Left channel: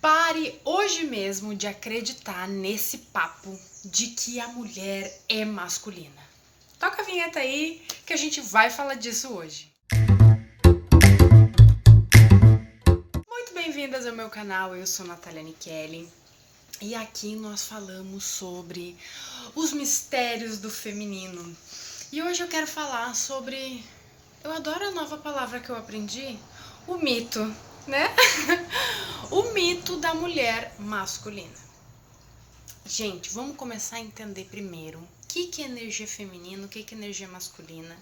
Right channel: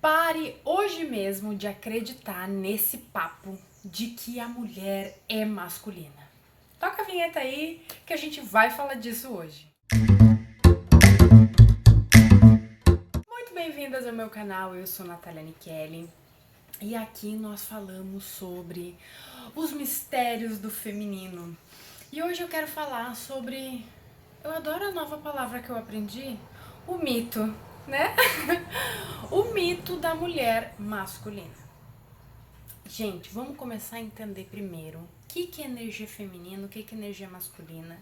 Pare hoje mesmo de acreditar nesse papo de que a mulher é masculina. Toca a vinheta aí que a gente vai falar disso hoje. Muito bem-vindas ao meu canal, eu sou Natália Nicheli e aqui nós falamos sobre os mistérios do feminino. E hoje eu quero falar sobre, eu adoro a nova palavra que eu aprendi, o mito, né? O mito da mulher masculina. Gente, vamos começar a entender primeiro o que é energia feminina, o que é energia masculina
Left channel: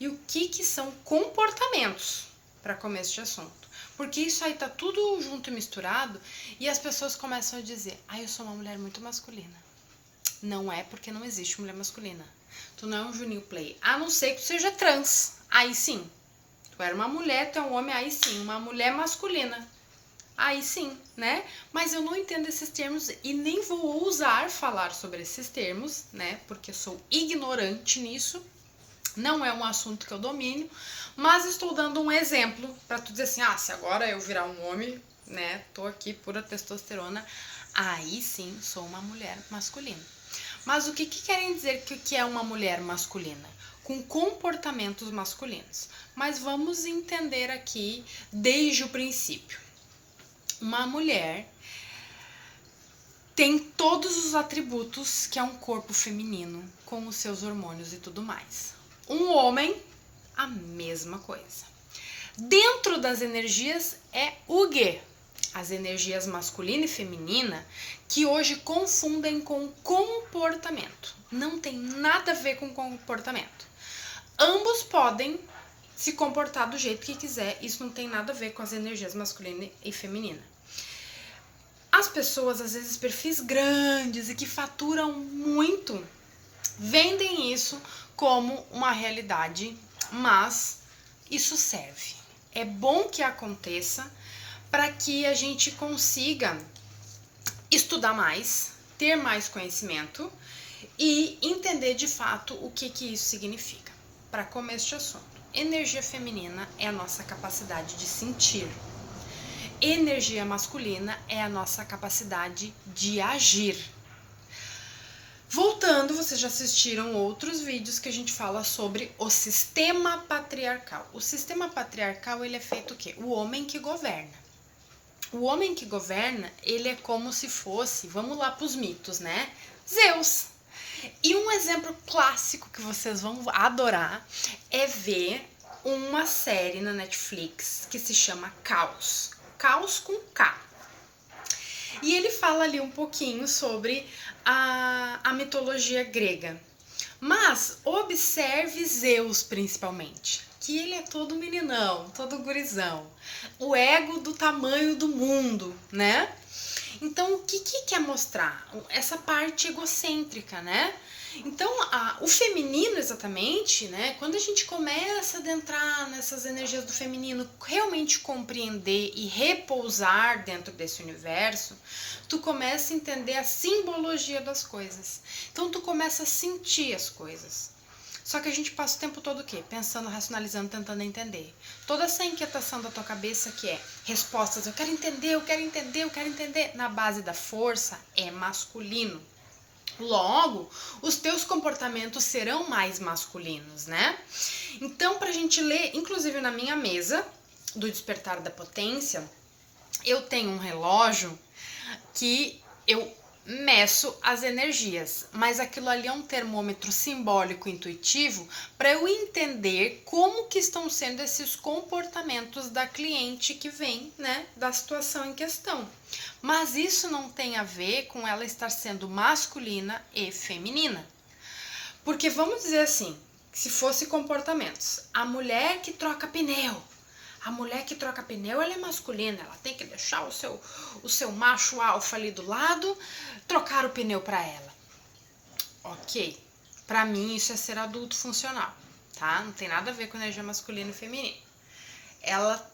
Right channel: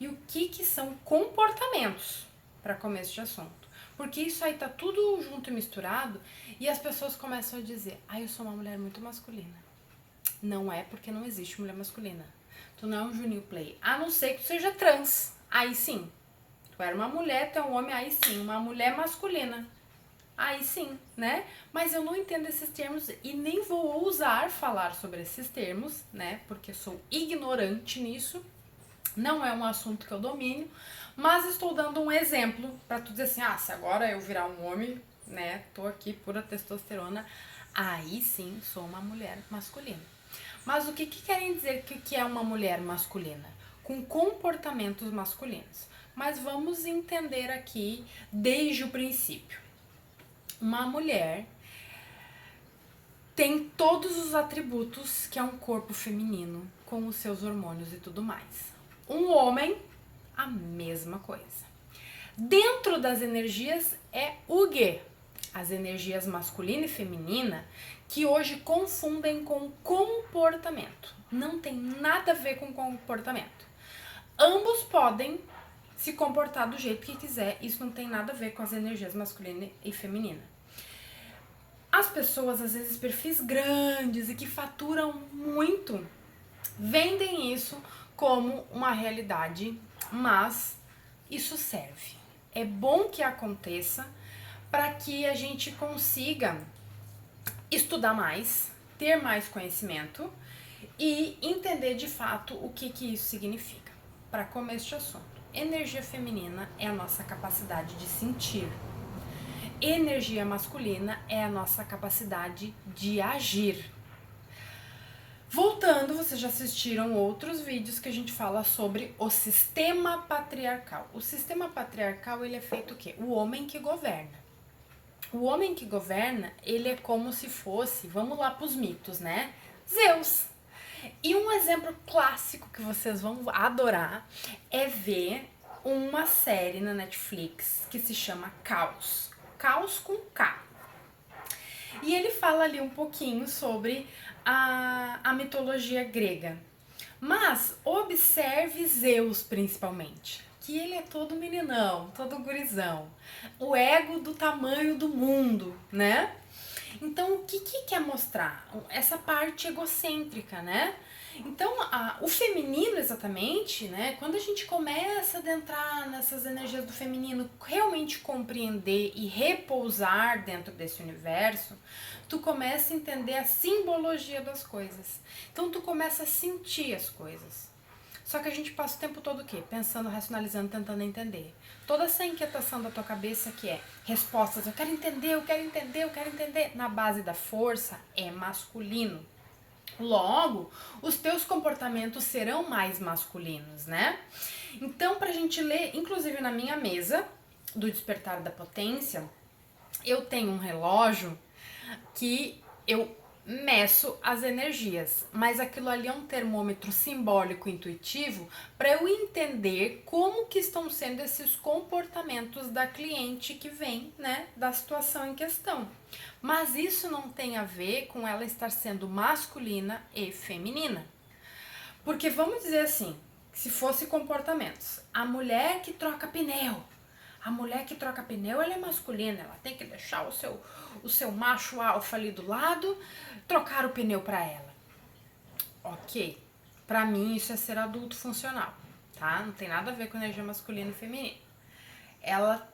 e o que são comportamentos para começo de assunto. Porque isso aí tá tudo junto e misturado e as pessoas começam a dizer: eu sou uma mulher muito masculina. Não é, porque não existe mulher masculina. Tu não é um Juninho Play, a não ser que tu seja trans. Aí sim. Tu era uma mulher, tu é um homem, aí sim. Uma mulher masculina. Aí sim, né? Mas eu não entendo esses termos e nem vou ousar falar sobre esses termos, né? Porque sou ignorante nisso. Não é um assunto que eu domino, mas estou dando um exemplo para tu dizer assim: se agora eu virar um homem, né? Tô aqui pura testosterona, aí sim sou uma mulher masculina. Mas o que querem dizer que é uma mulher masculina? Com comportamentos masculinos. Mas vamos entender aqui desde o princípio. Uma mulher tem todos os atributos que é um corpo feminino, com os seus hormônios e tudo mais. Um homem, a mesma coisa. Dentro das energias é o quê? As energias masculina e feminina, que hoje confundem com comportamento. Não tem nada a ver com comportamento. Ambos podem se comportar do jeito que quiser, isso não tem nada a ver com as energias masculina e feminina. As pessoas, às vezes, perfis grandes e que faturam muito, vendem isso como uma realidade, mas isso serve. É bom que aconteça para que a gente consiga estudar mais, ter mais conhecimento e entender de fato o que isso significa. Para começo de assunto, energia feminina é a nossa capacidade de sentir. Energia masculina é a nossa capacidade de agir. Voltando, vocês já assistiram outros vídeos que a gente fala sobre o sistema patriarcal. O sistema patriarcal, ele é feito o quê? O homem que governa. O homem que governa, ele é como se fosse, vamos lá para os mitos, né? Zeus. E um exemplo clássico que vocês vão adorar é ver uma série na Netflix que se chama Caos. Caos com K. E ele fala ali um pouquinho sobre a mitologia grega. Mas observe Zeus principalmente, que ele é todo meninão, todo gurizão. O ego do tamanho do mundo, né? Então, o que quer mostrar? Essa parte egocêntrica, né? Então, o feminino exatamente, né? Quando a gente começa a adentrar nessas energias do feminino, realmente compreender e repousar dentro desse universo, tu começa a entender a simbologia das coisas. Então, tu começa a sentir as coisas. Só que a gente passa o tempo todo o quê? Pensando, racionalizando, tentando entender. Toda essa inquietação da tua cabeça que é respostas, eu quero entender, eu quero entender, eu quero entender, na base da força, é masculino. Logo, os teus comportamentos serão mais masculinos, né? Então, pra gente ler, inclusive na minha mesa do Despertar da Potência, eu tenho um relógio que eu meço as energias, mas aquilo ali é um termômetro simbólico intuitivo para eu entender como que estão sendo esses comportamentos da cliente que vem, né, da situação em questão. Mas isso não tem a ver com ela estar sendo masculina e feminina. Porque vamos dizer assim, se fosse comportamentos, a mulher que troca pneu, a mulher que troca pneu, ela é masculina, ela tem que deixar o seu macho alfa ali do lado, trocar o pneu para ela. Ok, para mim isso é ser adulto funcional, tá? Não tem nada a ver com energia masculina e feminina. Ela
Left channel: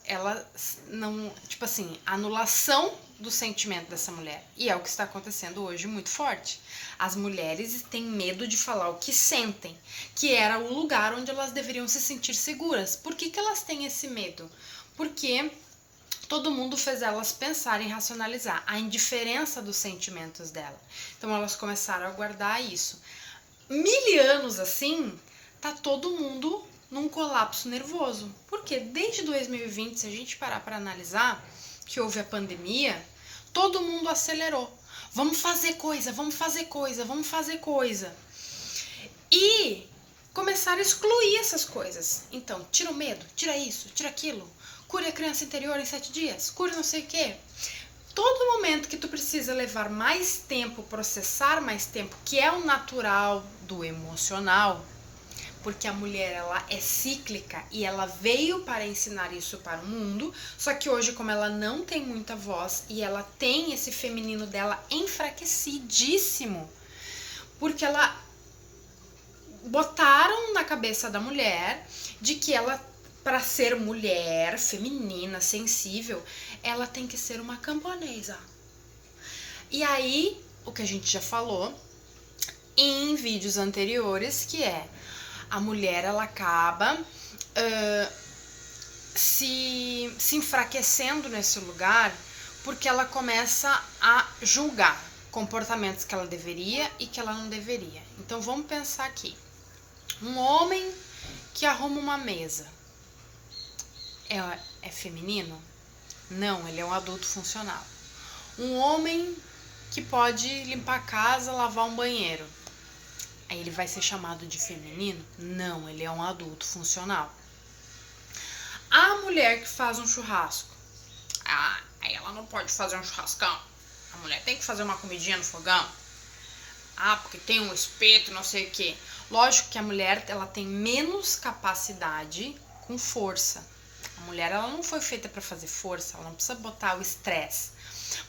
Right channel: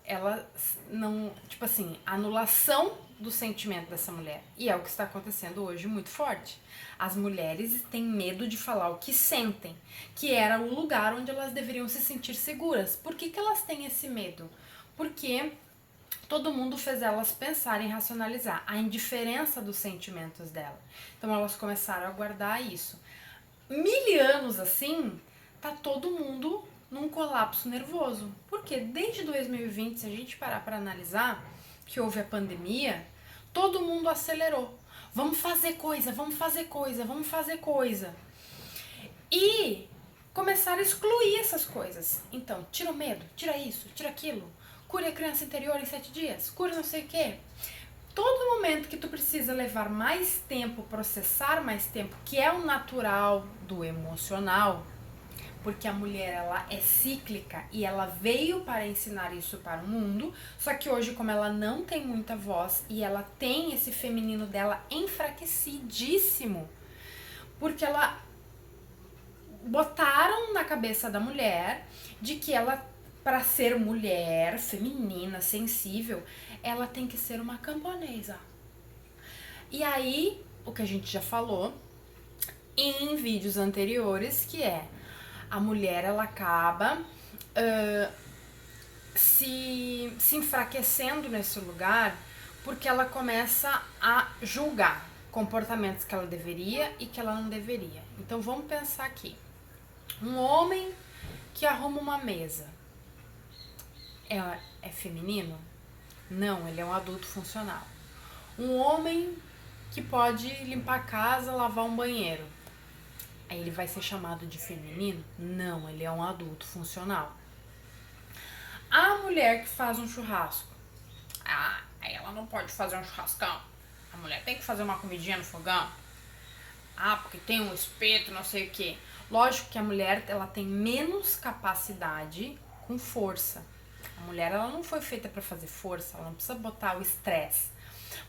não, tipo assim, anulação do sentimento dessa mulher. E é o que está acontecendo hoje muito forte. As mulheres têm medo de falar o que sentem, que era o lugar onde elas deveriam se sentir seguras. Por que elas têm esse medo? Porque todo mundo fez elas pensarem e racionalizar a indiferença dos sentimentos dela. Então elas começaram a guardar isso. 1000 anos assim, tá todo mundo num colapso nervoso. Porque desde 2020, se a gente parar para analisar, que houve a pandemia, todo mundo acelerou. Vamos fazer coisa, vamos fazer coisa, vamos fazer coisa. E começaram a excluir essas coisas. Então, tira o medo, tira isso, tira aquilo. Cure a criança interior em 7 dias, cure não sei o quê. Todo momento que tu precisa levar mais tempo, processar mais tempo, que é o natural do emocional, porque a mulher ela é cíclica e ela veio para ensinar isso para o mundo, só que hoje, como ela não tem muita voz e ela tem esse feminino dela enfraquecidíssimo, porque ela botaram na cabeça da mulher de que ela, para ser mulher feminina, sensível, ela tem que ser uma camponesa. E aí, o que a gente já falou em vídeos anteriores, que é a mulher ela acaba se enfraquecendo nesse lugar porque ela começa a julgar comportamentos que ela deveria e que ela não deveria. Então vamos pensar aqui. Um homem que arruma uma mesa é feminino? Não, ele é um adulto funcional. Um homem que pode limpar a casa, lavar um banheiro, aí ele vai ser chamado de feminino? Não, ele é um adulto funcional. A mulher que faz um churrasco, aí ela não pode fazer um churrascão. A mulher tem que fazer uma comidinha no fogão. Porque tem um espeto, não sei o quê. Lógico que a mulher ela tem menos capacidade com força. A mulher ela não foi feita para fazer força, ela não precisa botar o estresse.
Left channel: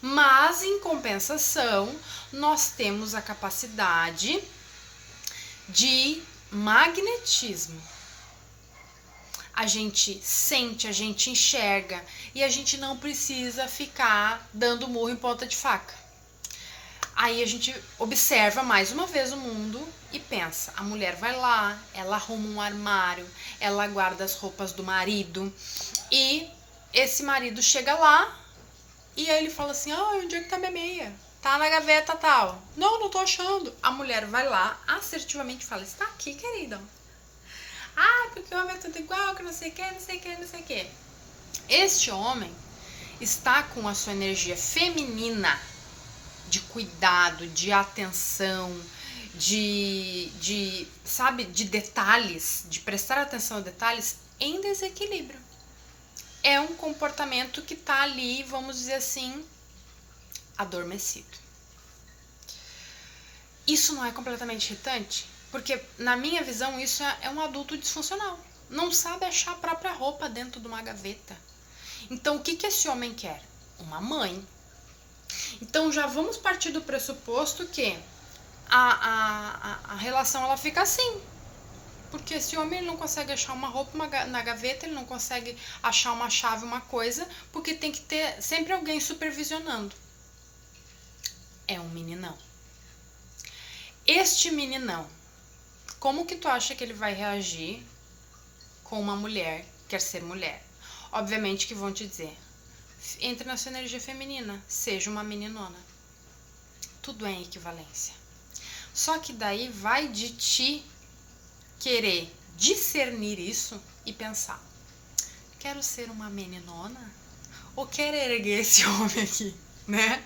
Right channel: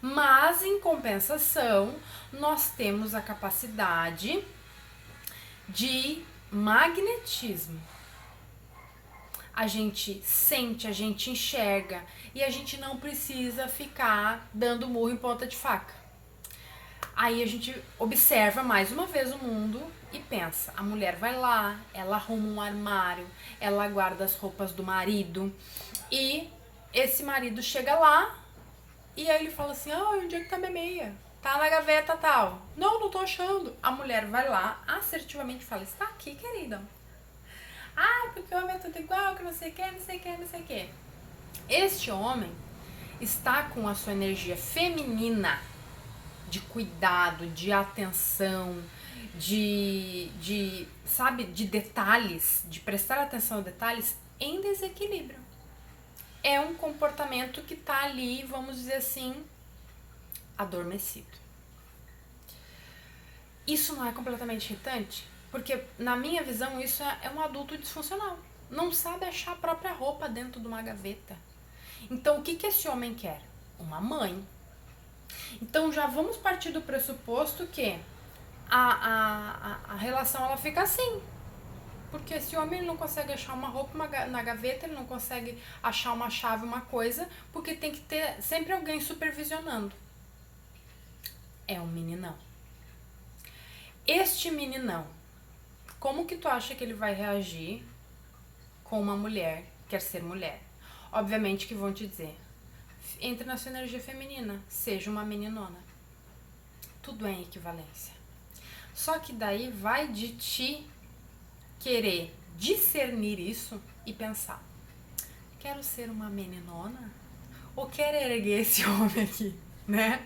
Mas, em compensação, nós temos a capacidade de magnetismo. A gente sente, a gente enxerga e a gente não precisa ficar dando murro em ponta de faca. Aí a gente observa mais uma vez o mundo e pensa, a mulher vai lá, ela arruma um armário, ela guarda as roupas do marido e esse marido chega lá e aí ele fala assim, onde é que tá minha meia? Tá na gaveta tal. Não tô achando. A mulher vai lá, assertivamente fala, está aqui, querida. Porque o homem é tudo igual, que não sei o que, não sei o que, não sei o que. Este homem está com a sua energia feminina de cuidado, de atenção, de detalhes, de prestar atenção a detalhes em desequilíbrio. É um comportamento que tá ali, vamos dizer assim, adormecido. Isso não é completamente irritante? Porque, na minha visão, isso é um adulto disfuncional. Não sabe achar a própria roupa dentro de uma gaveta. Então, o que esse homem quer? Uma mãe. Então, já vamos partir do pressuposto que a relação ela fica assim. Porque esse homem ele não consegue achar uma roupa na gaveta, ele não consegue achar uma chave, uma coisa, porque tem que ter sempre alguém supervisionando. É um meninão. Este meninão, como que tu acha que ele vai reagir com uma mulher que quer ser mulher? Obviamente que vão te dizer, entre na sua energia feminina, seja uma meninona. Tudo é em equivalência. Só que daí vai de ti querer discernir isso e pensar, quero ser uma meninona? Ou quero erguer esse homem aqui, né?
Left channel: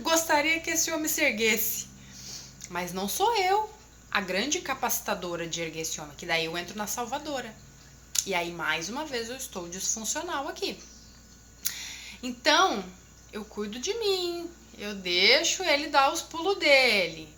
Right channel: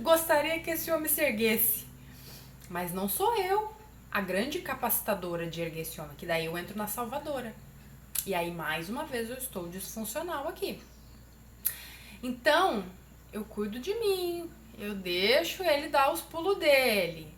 Gostaria que esse homem se erguesse. Mas não sou eu a grande capacitadora de erguer esse homem, que daí eu entro na salvadora. E aí, mais uma vez, eu estou disfuncional aqui. Então, eu cuido de mim, eu deixo ele dar os pulos dele.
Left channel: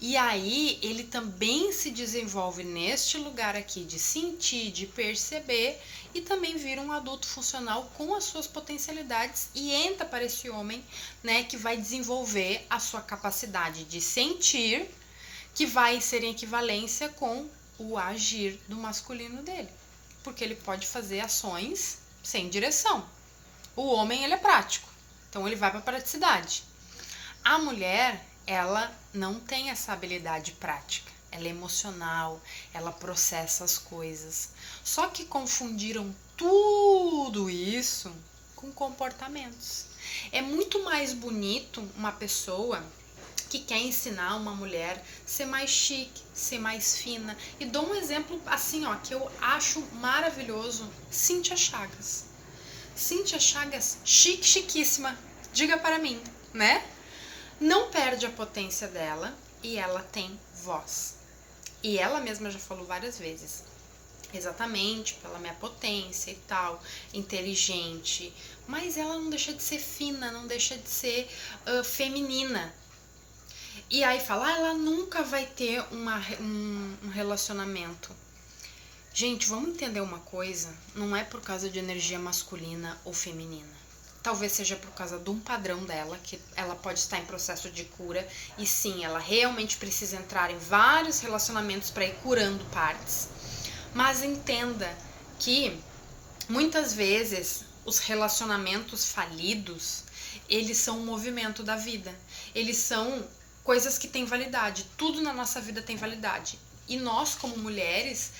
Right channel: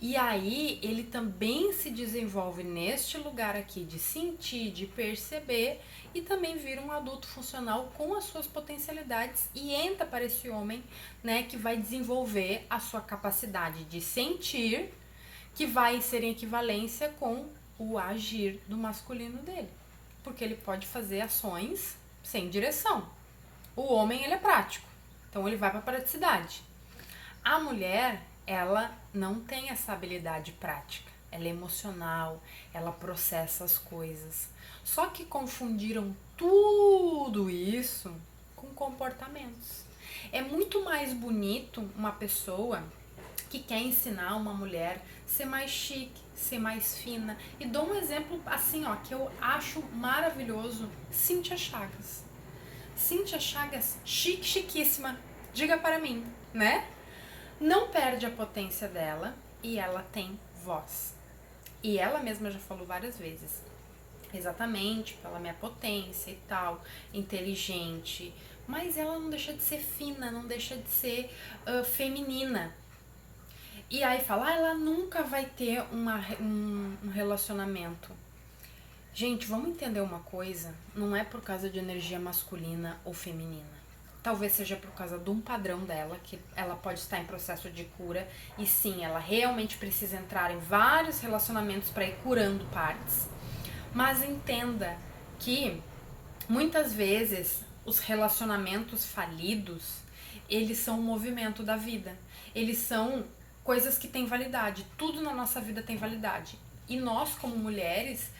E aí, ele também se desenvolve neste lugar aqui de sentir, de perceber e também vira um adulto funcional com as suas potencialidades e entra para esse homem, né, que vai desenvolver a sua capacidade de sentir, que vai ser em equivalência com o agir do masculino dele. Porque ele pode fazer ações sem direção. O homem, ele é prático, então ele vai para a praticidade. A mulher, ela não tem essa habilidade prática, ela é emocional, ela processa as coisas. Só que confundiram tudo isso com com comportamentos. É muito mais bonito uma pessoa que quer ensinar uma mulher a ser mais chique, ser mais fina. E dou um exemplo assim, ó, que eu acho maravilhoso. Cíntia Chagas. Cíntia Chagas, chique, chiquíssima. Diga para mim, né? Não perde a potência dela e ela tem voz. E ela mesma já falou várias vezes. Exatamente, pela minha potência e tal, inteligente. Mas ela não deixa de ser fina, não deixa de ser feminina. E aí fala, ela nunca vai ter um relacionamento. Gente, vamos entender uma coisa, não é por causa de energia masculina ou feminina. Talvez seja por causa de um padrão dela, que ela pode estar em processo de cura, e sim, ela realmente precisa entrar em vários relacionamentos para ir curando partes. Mas entenda que muitas vezes os relacionamentos falidos, eles são um movimento da vida. Eles são coisas que têm validade. Tudo na nossa vida tem validade. E nós, como mulheres,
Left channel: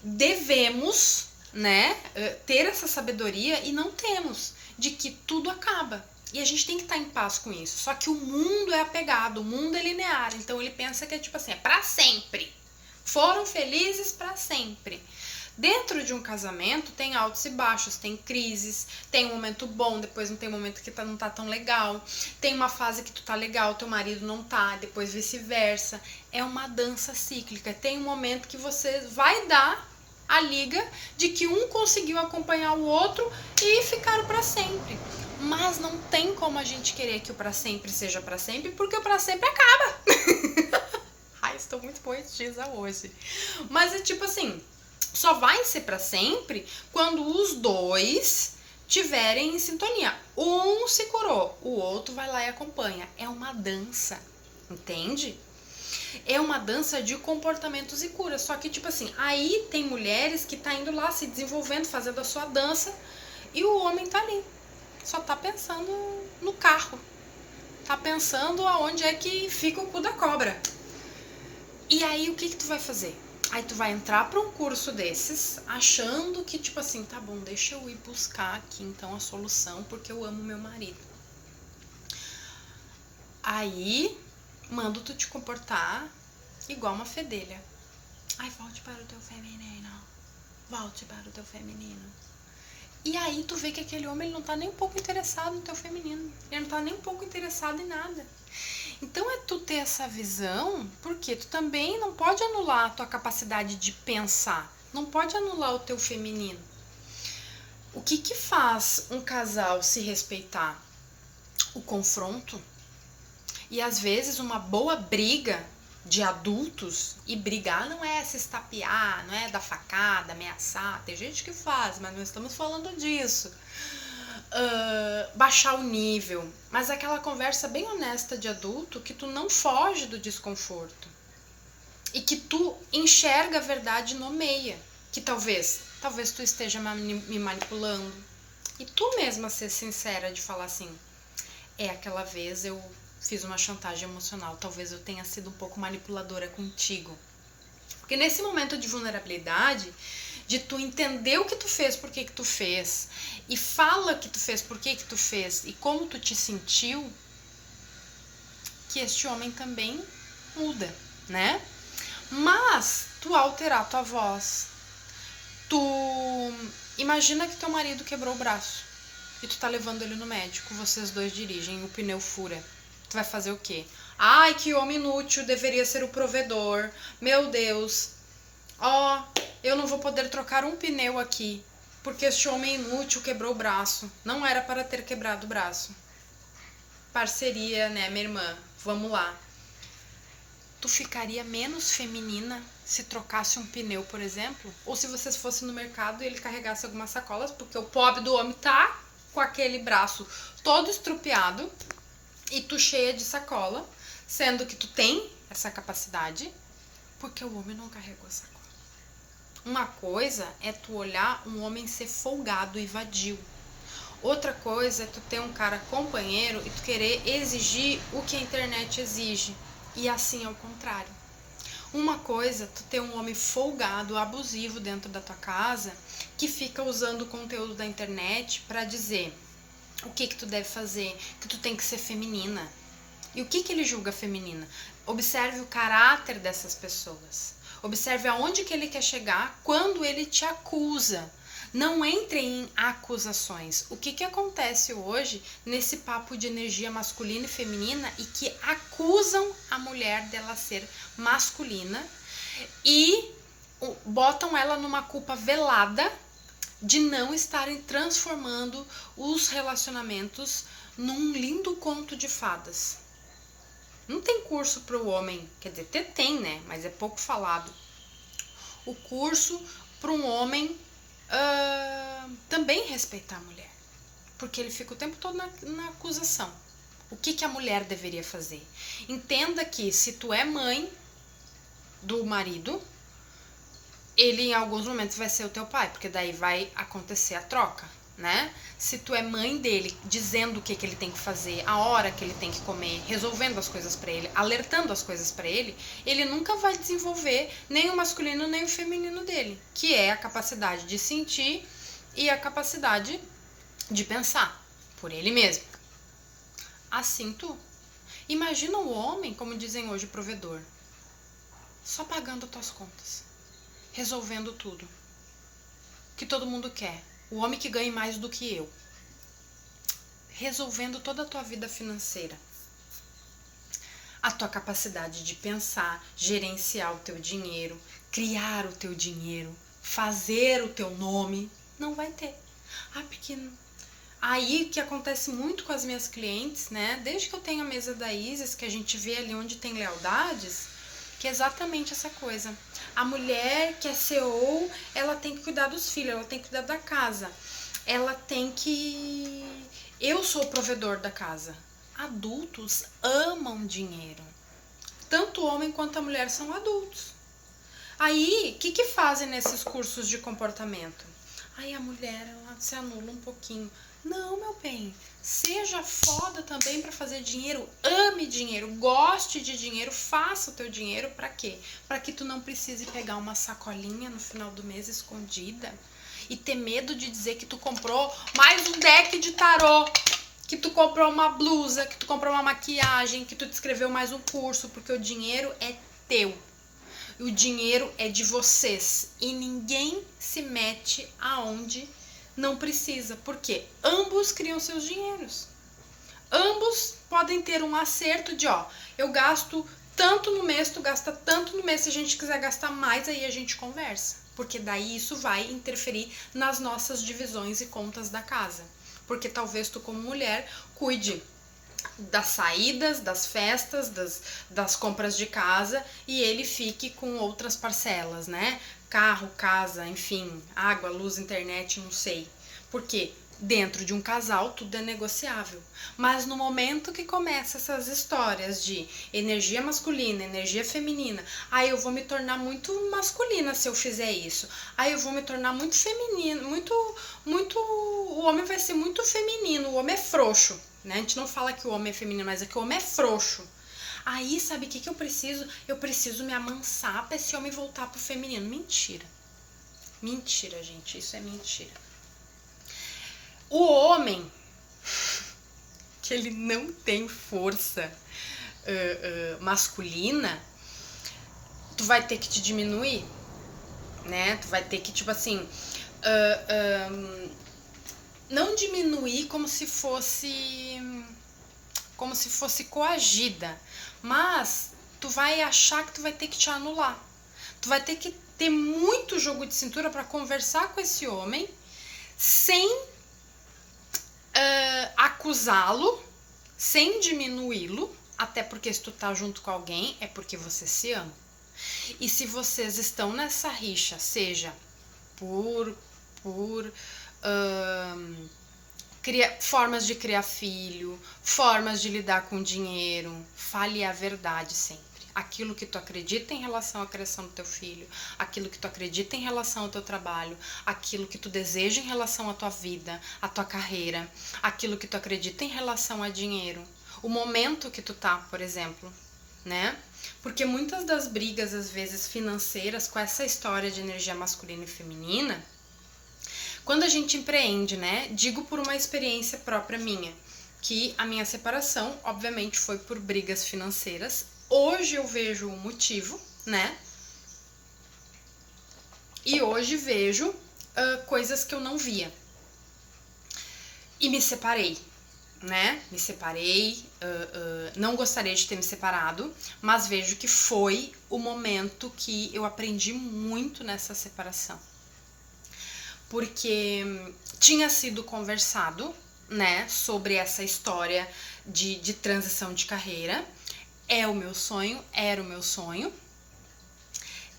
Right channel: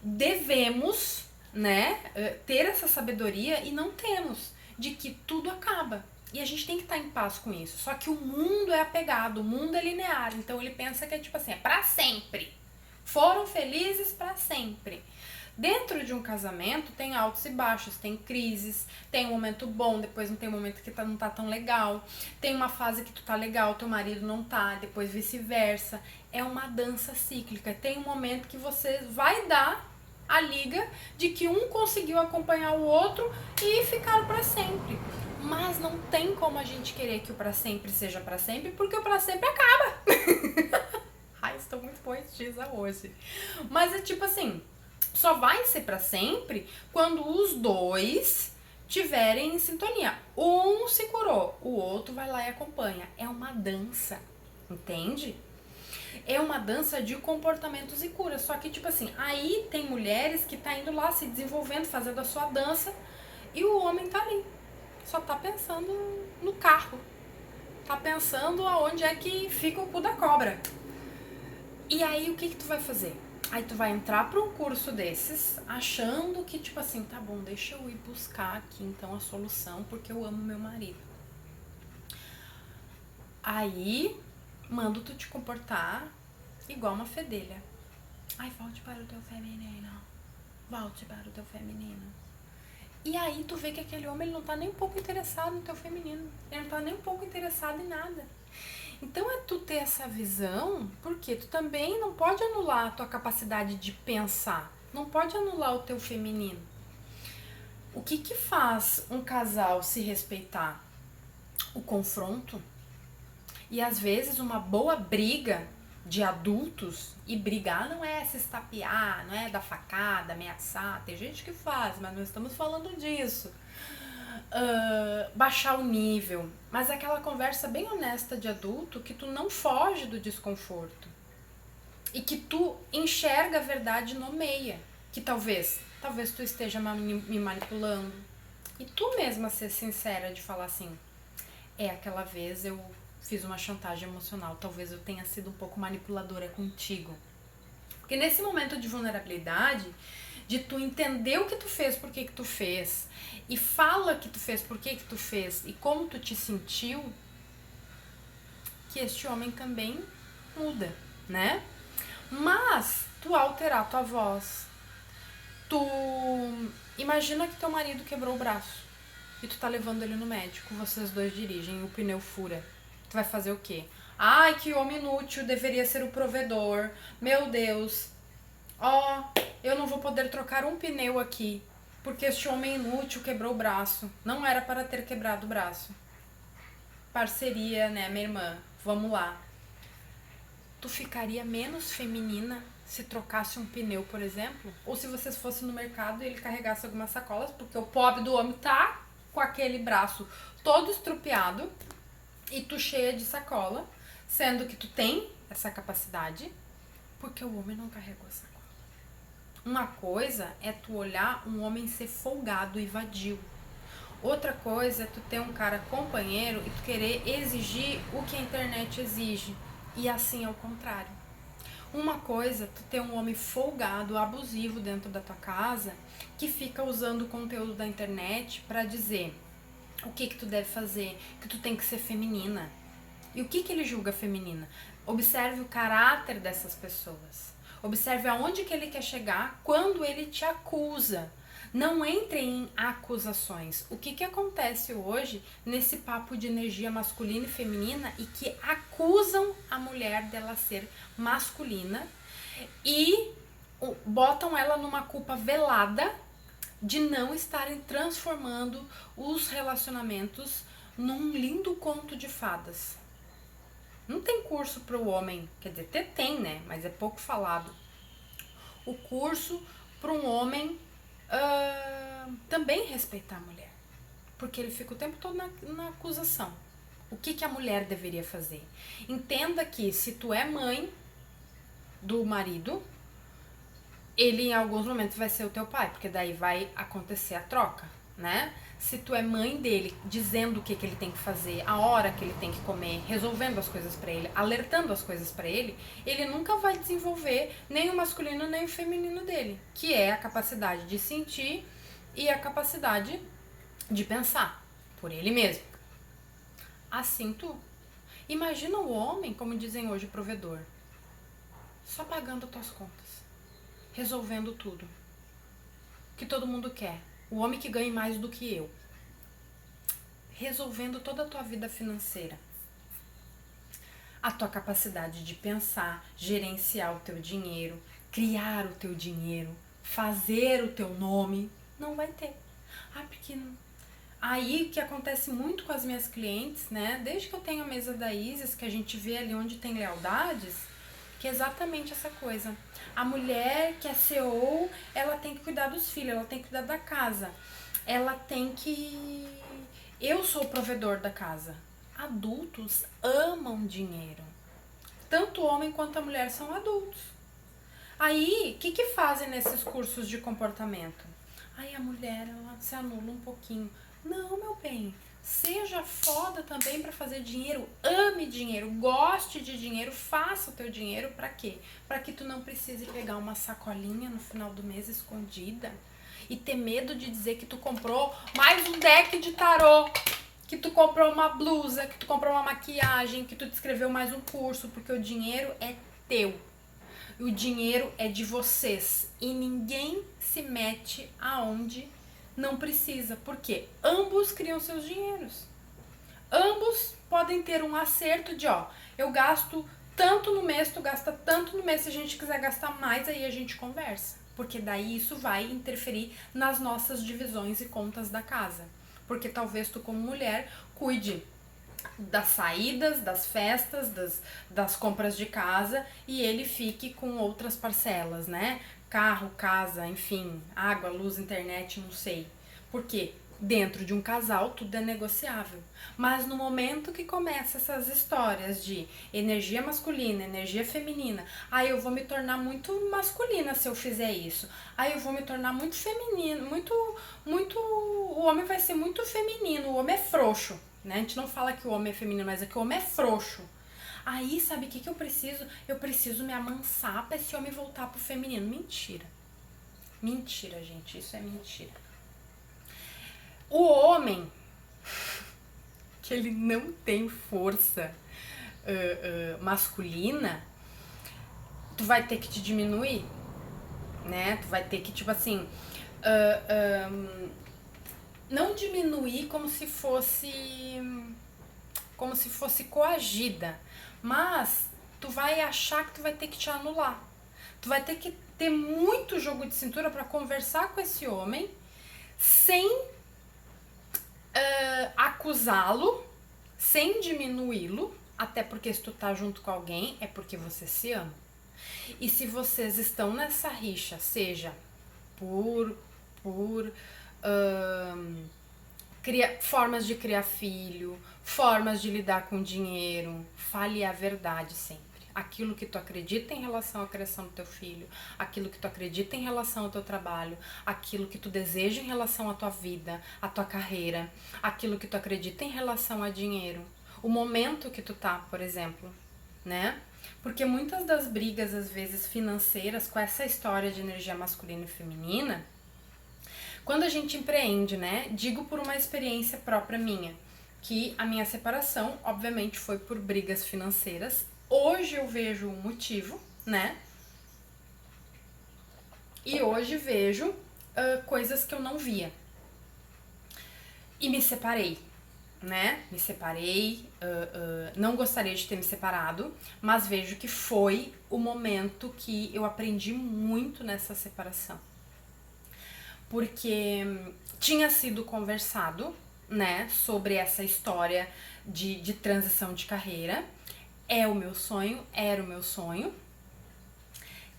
devemos, né, ter essa sabedoria, e não temos, de que tudo acaba. E a gente tem que estar em paz com isso. Só que o mundo é apegado, o mundo é linear. Então ele pensa que é tipo assim, é pra sempre. Foram felizes pra sempre. Dentro de um casamento tem altos e baixos, tem crises, tem um momento bom, depois não tem um momento que não tá tão legal, tem uma fase que tu tá legal, teu marido não tá, depois vice-versa. É uma dança cíclica. Tem um momento que você vai dar a liga de que um conseguiu acompanhar o outro e ficaram pra sempre. Mas não tem como a gente querer que o pra sempre seja pra sempre, porque o pra sempre acaba. Ai, estou muito poetisa hoje. Mas é tipo assim, só vai ser pra sempre quando os dois tiverem em sintonia. Um se curou, o outro vai lá e acompanha. É uma dança, entende? É uma dança de comportamentos e cura. Só que, tipo assim, aí tem mulheres que tá indo lá se desenvolvendo, fazendo a sua dança, e o homem tá ali. Só tá pensando no carro. Tá pensando aonde é que fica o cu da cobra. E aí, o que tu vai fazer? Aí tu vai entrar pra um curso desses, achando que, tipo assim, tá bom, deixa eu ir buscar aqui, então, a solução, porque eu amo meu marido. Aí, mando tu te comportar igual uma fedelha. Ai, volte para o teu feminino. Volte para o teu feminino. E aí tu vê que aquele homem, ele não tá nem um pouco interessado no teu feminino. Ele não tá nem um pouco interessado em nada. Então é tu ter essa visão, porque tu também não pode anular a tua capacidade de pensar. Não pode anular o teu feminino. O que que faz um casal se respeitar? O confronto. E às vezes uma boa briga de adultos, e brigar não é se estapear, não é dar facada, ameaçar, tem gente que faz, mas não estamos falando disso. Baixar o nível, mas aquela conversa bem honesta de adulto, que tu não foge do desconforto e que tu enxerga a verdade, nomeia, que talvez tu esteja me manipulando, e tu mesma ser sincera de falar assim, aquela vez eu fiz uma chantagem emocional, talvez eu tenha sido um pouco manipuladora contigo. Porque nesse momento de vulnerabilidade, de tu entender o que tu fez, por que tu fez, e fala que tu fez, por que tu fez, e como tu te sentiu, que este homem também muda, né? Mas tu alterar tua voz, tu imagina que teu marido quebrou o braço e tu tá levando ele no médico, vocês dois dirigem, o pneu fura. Tu vai fazer o quê? Ai, que homem inútil, deveria ser o provedor. Meu Deus. Eu não vou poder trocar um pneu aqui, porque este homem inútil quebrou o braço. Não era para ter quebrado o braço. Parceria, né, minha irmã? Vamos lá. Tu ficaria menos feminina se trocasse um pneu, por exemplo? Ou se vocês fossem no mercado e ele carregasse algumas sacolas, porque o pobre do homem tá com aquele braço todo estrupiado e tu cheia de sacola, sendo que tu tem essa capacidade, porque o homem não carregou a sacola. Uma coisa é tu olhar um homem ser folgado e vadio. Outra coisa é tu ter um cara companheiro e tu querer exigir o que a internet exige. E assim ao contrário. Uma coisa é tu ter um homem folgado, abusivo dentro da tua casa, que fica usando o conteúdo da internet para dizer: o que tu deve fazer, que tu tem que ser feminina. E o que ele julga feminina? Observe o caráter dessas pessoas. Observe aonde que ele quer chegar quando ele te acusa. Não entre em acusações. O que acontece hoje nesse papo de energia masculina e feminina e que acusam a mulher dela ser masculina e botam ela numa culpa velada de não estarem transformando os relacionamentos num lindo conto de fadas. Não tem curso para o homem, quer dizer, até tem, né? Mas é pouco falado. O curso para um homem também respeitar a mulher. Porque ele fica o tempo todo na acusação. O que a mulher deveria fazer? Entenda que se tu é mãe do marido, ele em alguns momentos vai ser o teu pai, porque daí vai acontecer a troca, né? Se tu é mãe dele, dizendo o que ele tem que fazer, a hora que ele tem que comer, resolvendo as coisas pra ele, alertando as coisas pra ele, ele nunca vai desenvolver nem o masculino nem o feminino dele, que é a capacidade de sentir e a capacidade de pensar por ele mesmo. Assim tu. Imagina o homem, como dizem hoje, provedor, só pagando tuas contas, resolvendo tudo que todo mundo quer. O homem que ganhe mais do que eu, resolvendo toda a tua vida financeira. A tua capacidade de pensar, gerenciar o teu dinheiro, criar o teu dinheiro, fazer o teu nome, não vai ter. Porque aí que acontece muito com as minhas clientes, né? Desde que eu tenho a mesa da Isis, que a gente vê ali onde tem lealdades, que é exatamente essa coisa. A mulher que é CEO, ela tem que cuidar dos filhos, ela tem que cuidar da casa. Ela tem que... Eu sou o provedor da casa. Adultos amam dinheiro. Tanto o homem quanto a mulher são adultos. Aí, o que fazem nesses cursos de comportamento? Aí a mulher, ela se anula um pouquinho. Não, meu bem, seja foda também para fazer dinheiro, ame dinheiro, goste de dinheiro, faça o teu dinheiro para quê? Para que tu não precise pegar uma sacolinha no final do mês escondida e ter medo de dizer que tu comprou mais um deck de tarô, que tu comprou uma blusa, que tu comprou uma maquiagem, que tu te inscreveu mais um curso, porque o dinheiro é teu. O dinheiro é de vocês e ninguém se mete aonde não precisa, porque ambos criam seus dinheiros. Ambos podem ter um acerto de, eu gasto tanto no mês, tu gasta tanto no mês, se a gente quiser gastar mais, aí a gente conversa. Porque daí isso vai interferir nas nossas divisões e contas da casa. Porque talvez tu, como mulher, cuide das saídas, das festas, das compras de casa e ele fique com outras parcelas, né? Carro, casa, enfim, água, luz, internet, não sei. Porque dentro de um casal tudo é negociável. Mas no momento que começa essas histórias de energia masculina, energia feminina, eu vou me tornar muito masculina se eu fizer isso. Eu vou me tornar muito feminino, o homem vai ser muito feminino, o homem é frouxo. Né? A gente não fala que o homem é feminino, mas é que o homem é frouxo. Aí, sabe o que eu preciso? Eu preciso me amansar pra esse homem voltar pro feminino. Mentira. Mentira, gente. Isso é mentira. O homem, que ele não tem força masculina, tu vai ter que te diminuir, né? Tu vai ter que, tipo assim... não diminuir como se fosse coagida, mas tu vai achar que tu vai ter que te anular. Tu vai ter que ter muito jogo de cintura para conversar com esse homem sem acusá-lo, sem diminuí-lo, até porque se tu tá junto com alguém é porque você se ama. E se vocês estão nessa rixa, seja por formas de criar filho, formas de lidar com dinheiro, fale a verdade sempre. Aquilo que tu acredita em relação à criação do teu filho, aquilo que tu acredita em relação ao teu trabalho, aquilo que tu deseja em relação à tua vida, à tua carreira, aquilo que tu acredita em relação a dinheiro, o momento que tu tá, por exemplo, né? Porque muitas das brigas, às vezes, financeiras, com essa história de energia masculina e feminina, Quando a gente empreende, né? Digo por uma experiência própria minha, que a minha separação, obviamente, foi por brigas financeiras. Hoje eu vejo o motivo, né? E hoje vejo coisas que eu não via. E me separei, né? Me separei, não gostaria de ter me separado, mas vejo que foi o momento que eu aprendi muito nessa separação. Porque tinha sido conversado, né, sobre essa história de transição de carreira. É o meu sonho, era o meu sonho.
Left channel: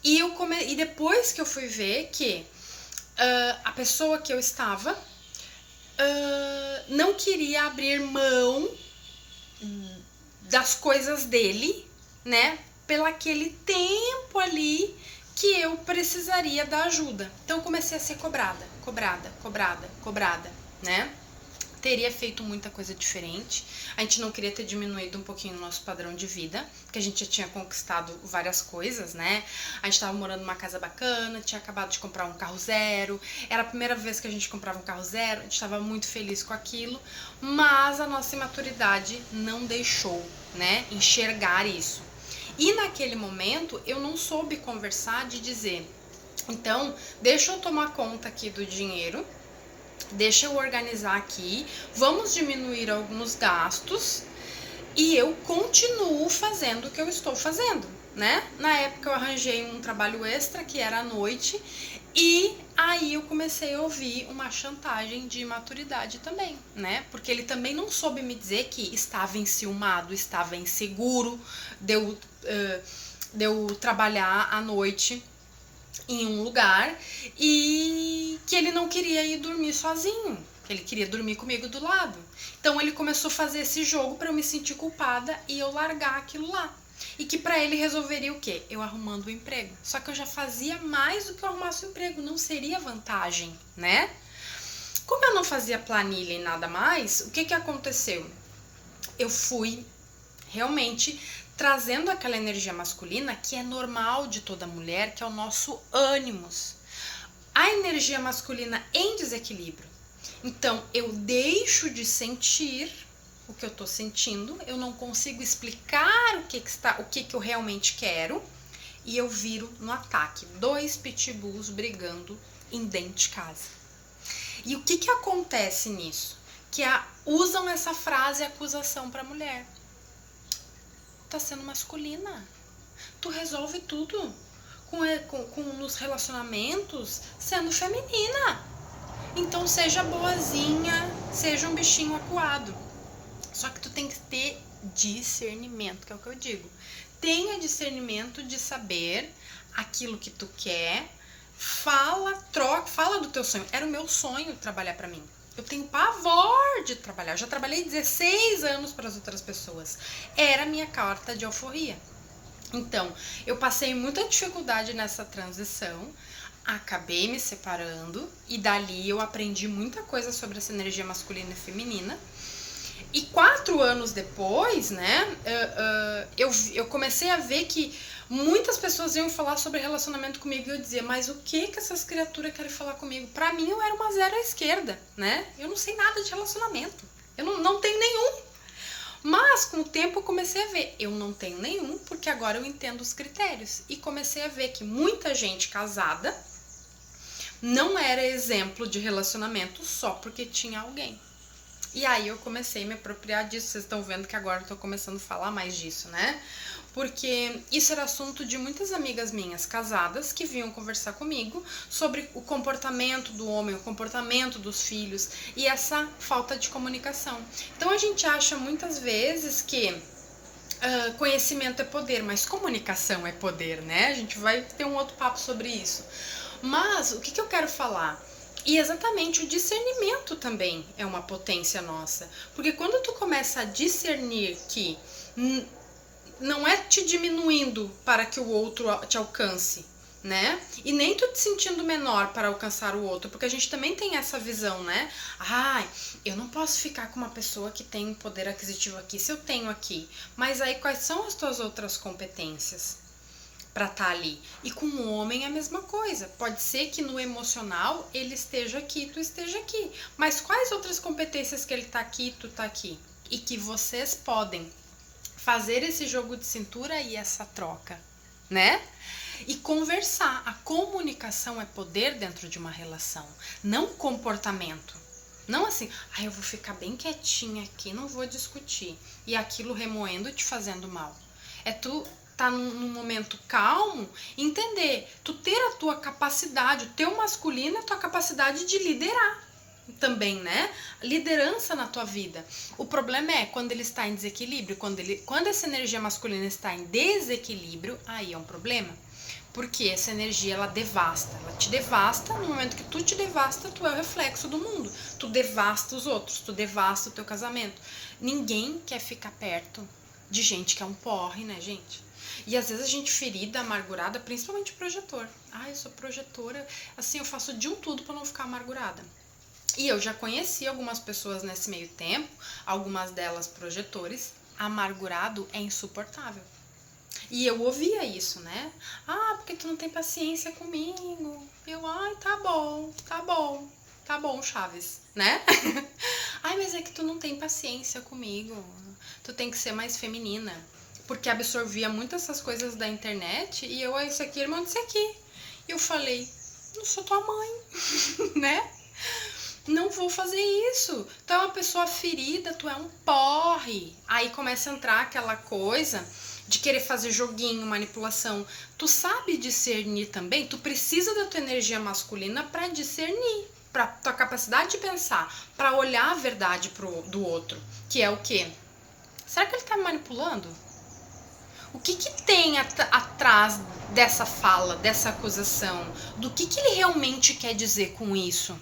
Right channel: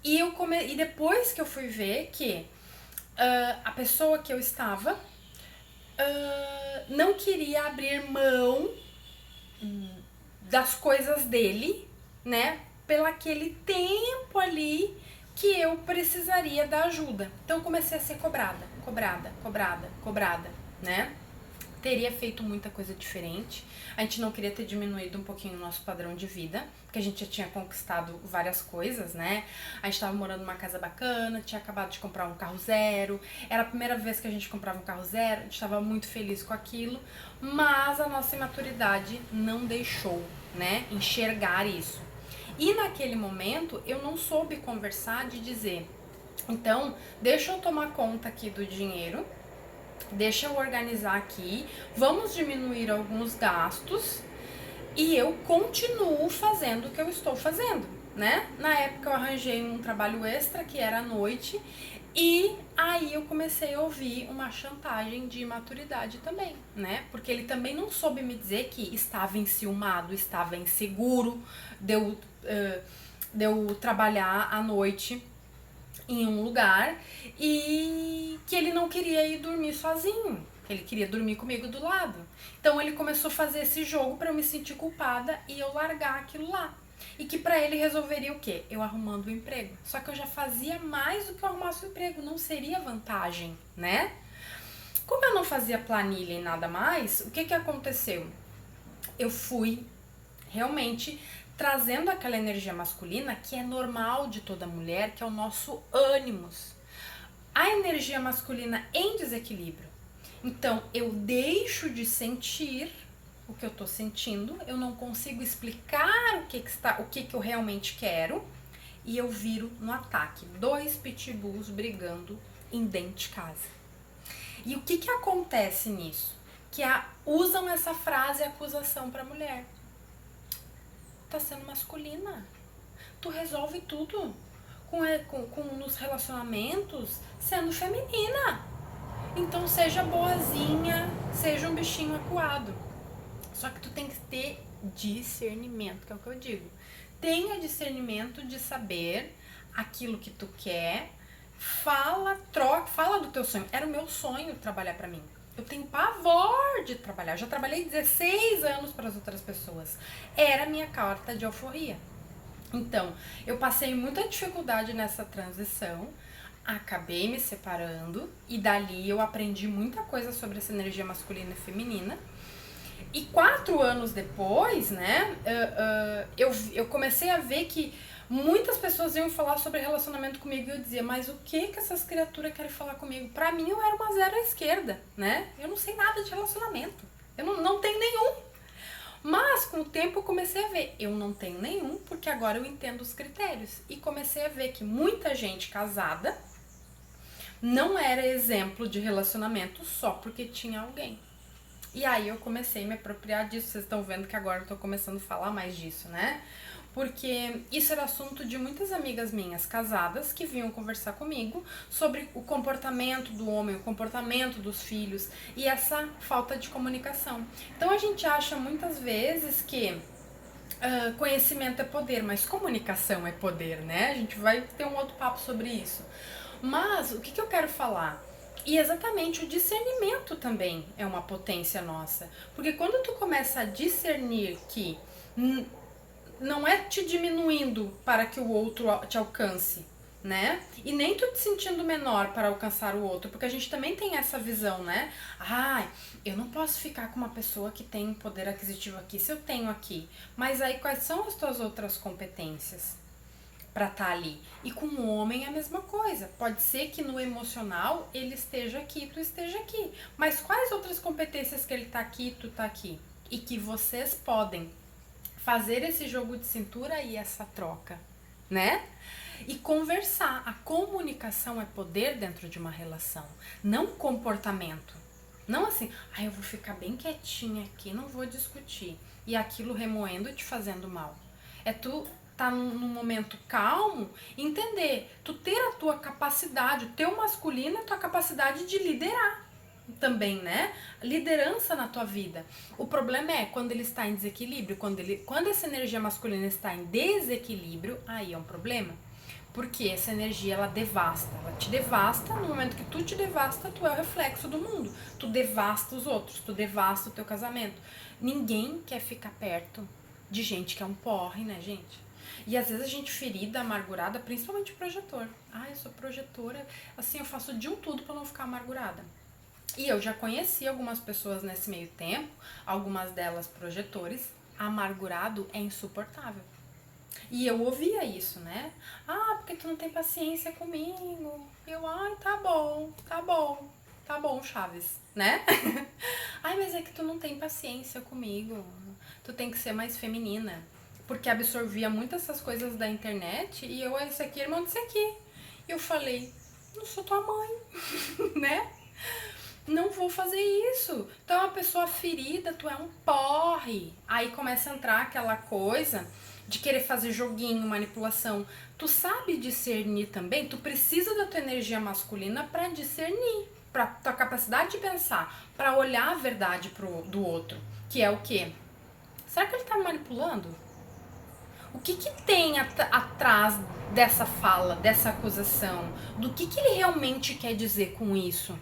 E depois que eu fui ver que a pessoa que eu estava não queria abrir mão das coisas dele, né? Pelo aquele tempo ali que eu precisaria da ajuda. Então eu comecei a ser cobrada, né? Teria feito muita coisa diferente. A gente não queria ter diminuído um pouquinho o nosso padrão de vida, porque a gente já tinha conquistado várias coisas, né? A gente tava morando numa casa bacana, tinha acabado de comprar um carro zero, era a primeira vez que a gente comprava um carro zero, a gente tava muito feliz com aquilo, mas a nossa imaturidade não deixou, né, enxergar isso. E naquele momento eu não soube conversar de dizer, então, deixa eu tomar conta aqui do dinheiro, deixa eu organizar aqui, vamos diminuir alguns gastos e eu continuo fazendo o que eu estou fazendo, né? Na época eu arranjei um trabalho extra que era à noite e aí eu comecei a ouvir uma chantagem de imaturidade também, né? Porque ele também não soube me dizer que estava enciumado, estava inseguro de eu trabalhar à noite em um lugar e que ele não queria ir dormir sozinho, que ele queria dormir comigo do lado. Então ele começou a fazer esse jogo para eu me sentir culpada e eu largar aquilo lá. E que para ele resolveria o quê? Eu arrumando o emprego. Só que eu já fazia mais do que eu arrumasse o emprego, não seria vantagem, né? Como eu não fazia planilha e nada mais, o que aconteceu? Eu fui realmente trazendo aquela energia masculina que é normal de toda mulher, que é o nosso ânimos. A energia masculina em desequilíbrio. Então, eu deixo de sentir o que eu tô sentindo, eu não consigo explicar o que eu realmente quero e eu viro no ataque. 2 pitbulls brigando em dentro de casa. E o que acontece nisso? Que usam essa frase acusação pra mulher. Tá sendo masculina. Tu resolve tudo nos relacionamentos sendo feminina. Então seja boazinha, seja um bichinho acuado. Só que tu tem que ter discernimento, que é o que eu digo. Tenha discernimento de saber aquilo que tu quer. Fala do teu sonho. Era o meu sonho trabalhar pra mim. Eu tenho pavor de trabalhar. Eu já trabalhei 16 anos para as outras pessoas. Era a minha carta de alforria. Então, eu passei muita dificuldade nessa transição. Acabei me separando. E dali eu aprendi muita coisa sobre essa energia masculina e feminina. E 4 anos depois, né, eu comecei a ver que muitas pessoas iam falar sobre relacionamento comigo e eu dizia, mas o que essas criaturas querem falar comigo? Pra mim eu era uma zero à esquerda, né? Eu não sei nada de relacionamento. Eu não tenho nenhum. Mas com o tempo eu comecei a ver, eu não tenho nenhum, porque agora eu entendo os critérios. E comecei a ver que muita gente casada não era exemplo de relacionamento só porque tinha alguém. E aí eu comecei a me apropriar disso, vocês estão vendo que agora eu tô começando a falar mais disso, né? Porque isso era assunto de muitas amigas minhas casadas que vinham conversar comigo sobre o comportamento do homem, o comportamento dos filhos e essa falta de comunicação. Então a gente acha muitas vezes que conhecimento é poder, mas comunicação é poder, né? A gente vai ter um outro papo sobre isso. Mas o que eu quero falar? E exatamente o discernimento também é uma potência nossa. Porque quando tu começa a discernir que não é te diminuindo para que o outro te alcance, né? E nem tu te sentindo menor para alcançar o outro, porque a gente também tem essa visão, né? Ai, eu não posso ficar com uma pessoa que tem poder aquisitivo aqui se eu tenho aqui. Mas aí quais são as tuas outras competências? para estar ali. E com o homem é a mesma coisa. Pode ser que no emocional ele esteja aqui, tu esteja aqui. Mas quais outras competências que ele tá aqui, tu tá aqui? E que vocês podem fazer esse jogo de cintura e essa troca, né? E conversar. A comunicação é poder dentro de uma relação, não comportamento. Não assim, eu vou ficar bem quietinha aqui, não vou discutir. E aquilo remoendo e te fazendo mal. É tu tá num momento calmo, entender, tu ter a tua capacidade, o teu masculino é a tua capacidade de liderar também, né? Liderança na tua vida. O problema é quando ele está em desequilíbrio, quando essa energia masculina está em desequilíbrio, aí é um problema. Porque essa energia, ela te devasta, no momento que tu te devasta, tu é o reflexo do mundo. Tu devasta os outros, tu devasta o teu casamento. Ninguém quer ficar perto de gente que é um porre, né, gente? E às vezes a gente ferida, amargurada, principalmente projetor. Eu sou projetora, assim, eu faço de um tudo pra não ficar amargurada. E eu já conheci algumas pessoas nesse meio tempo, algumas delas projetores. Amargurado é insuportável. E eu ouvia isso, né? Porque tu não tem paciência comigo. Eu, tá bom, Chaves, né? Mas é que tu não tem paciência comigo. Tu tem que ser mais feminina. Porque absorvia muito essas coisas da internet e eu, isso aqui, irmão, disso aqui. E eu falei, não sou tua mãe, né? Não vou fazer isso. Tu é uma pessoa ferida, tu é um porre. Aí começa a entrar aquela coisa de querer fazer joguinho, manipulação. Tu sabe discernir também? Tu precisa da tua energia masculina pra discernir, pra tua capacidade de pensar, pra olhar a verdade do outro. Que é o quê? Será que ele tá me manipulando? O que tem atrás dessa fala, dessa acusação? Do que ele realmente quer dizer com isso?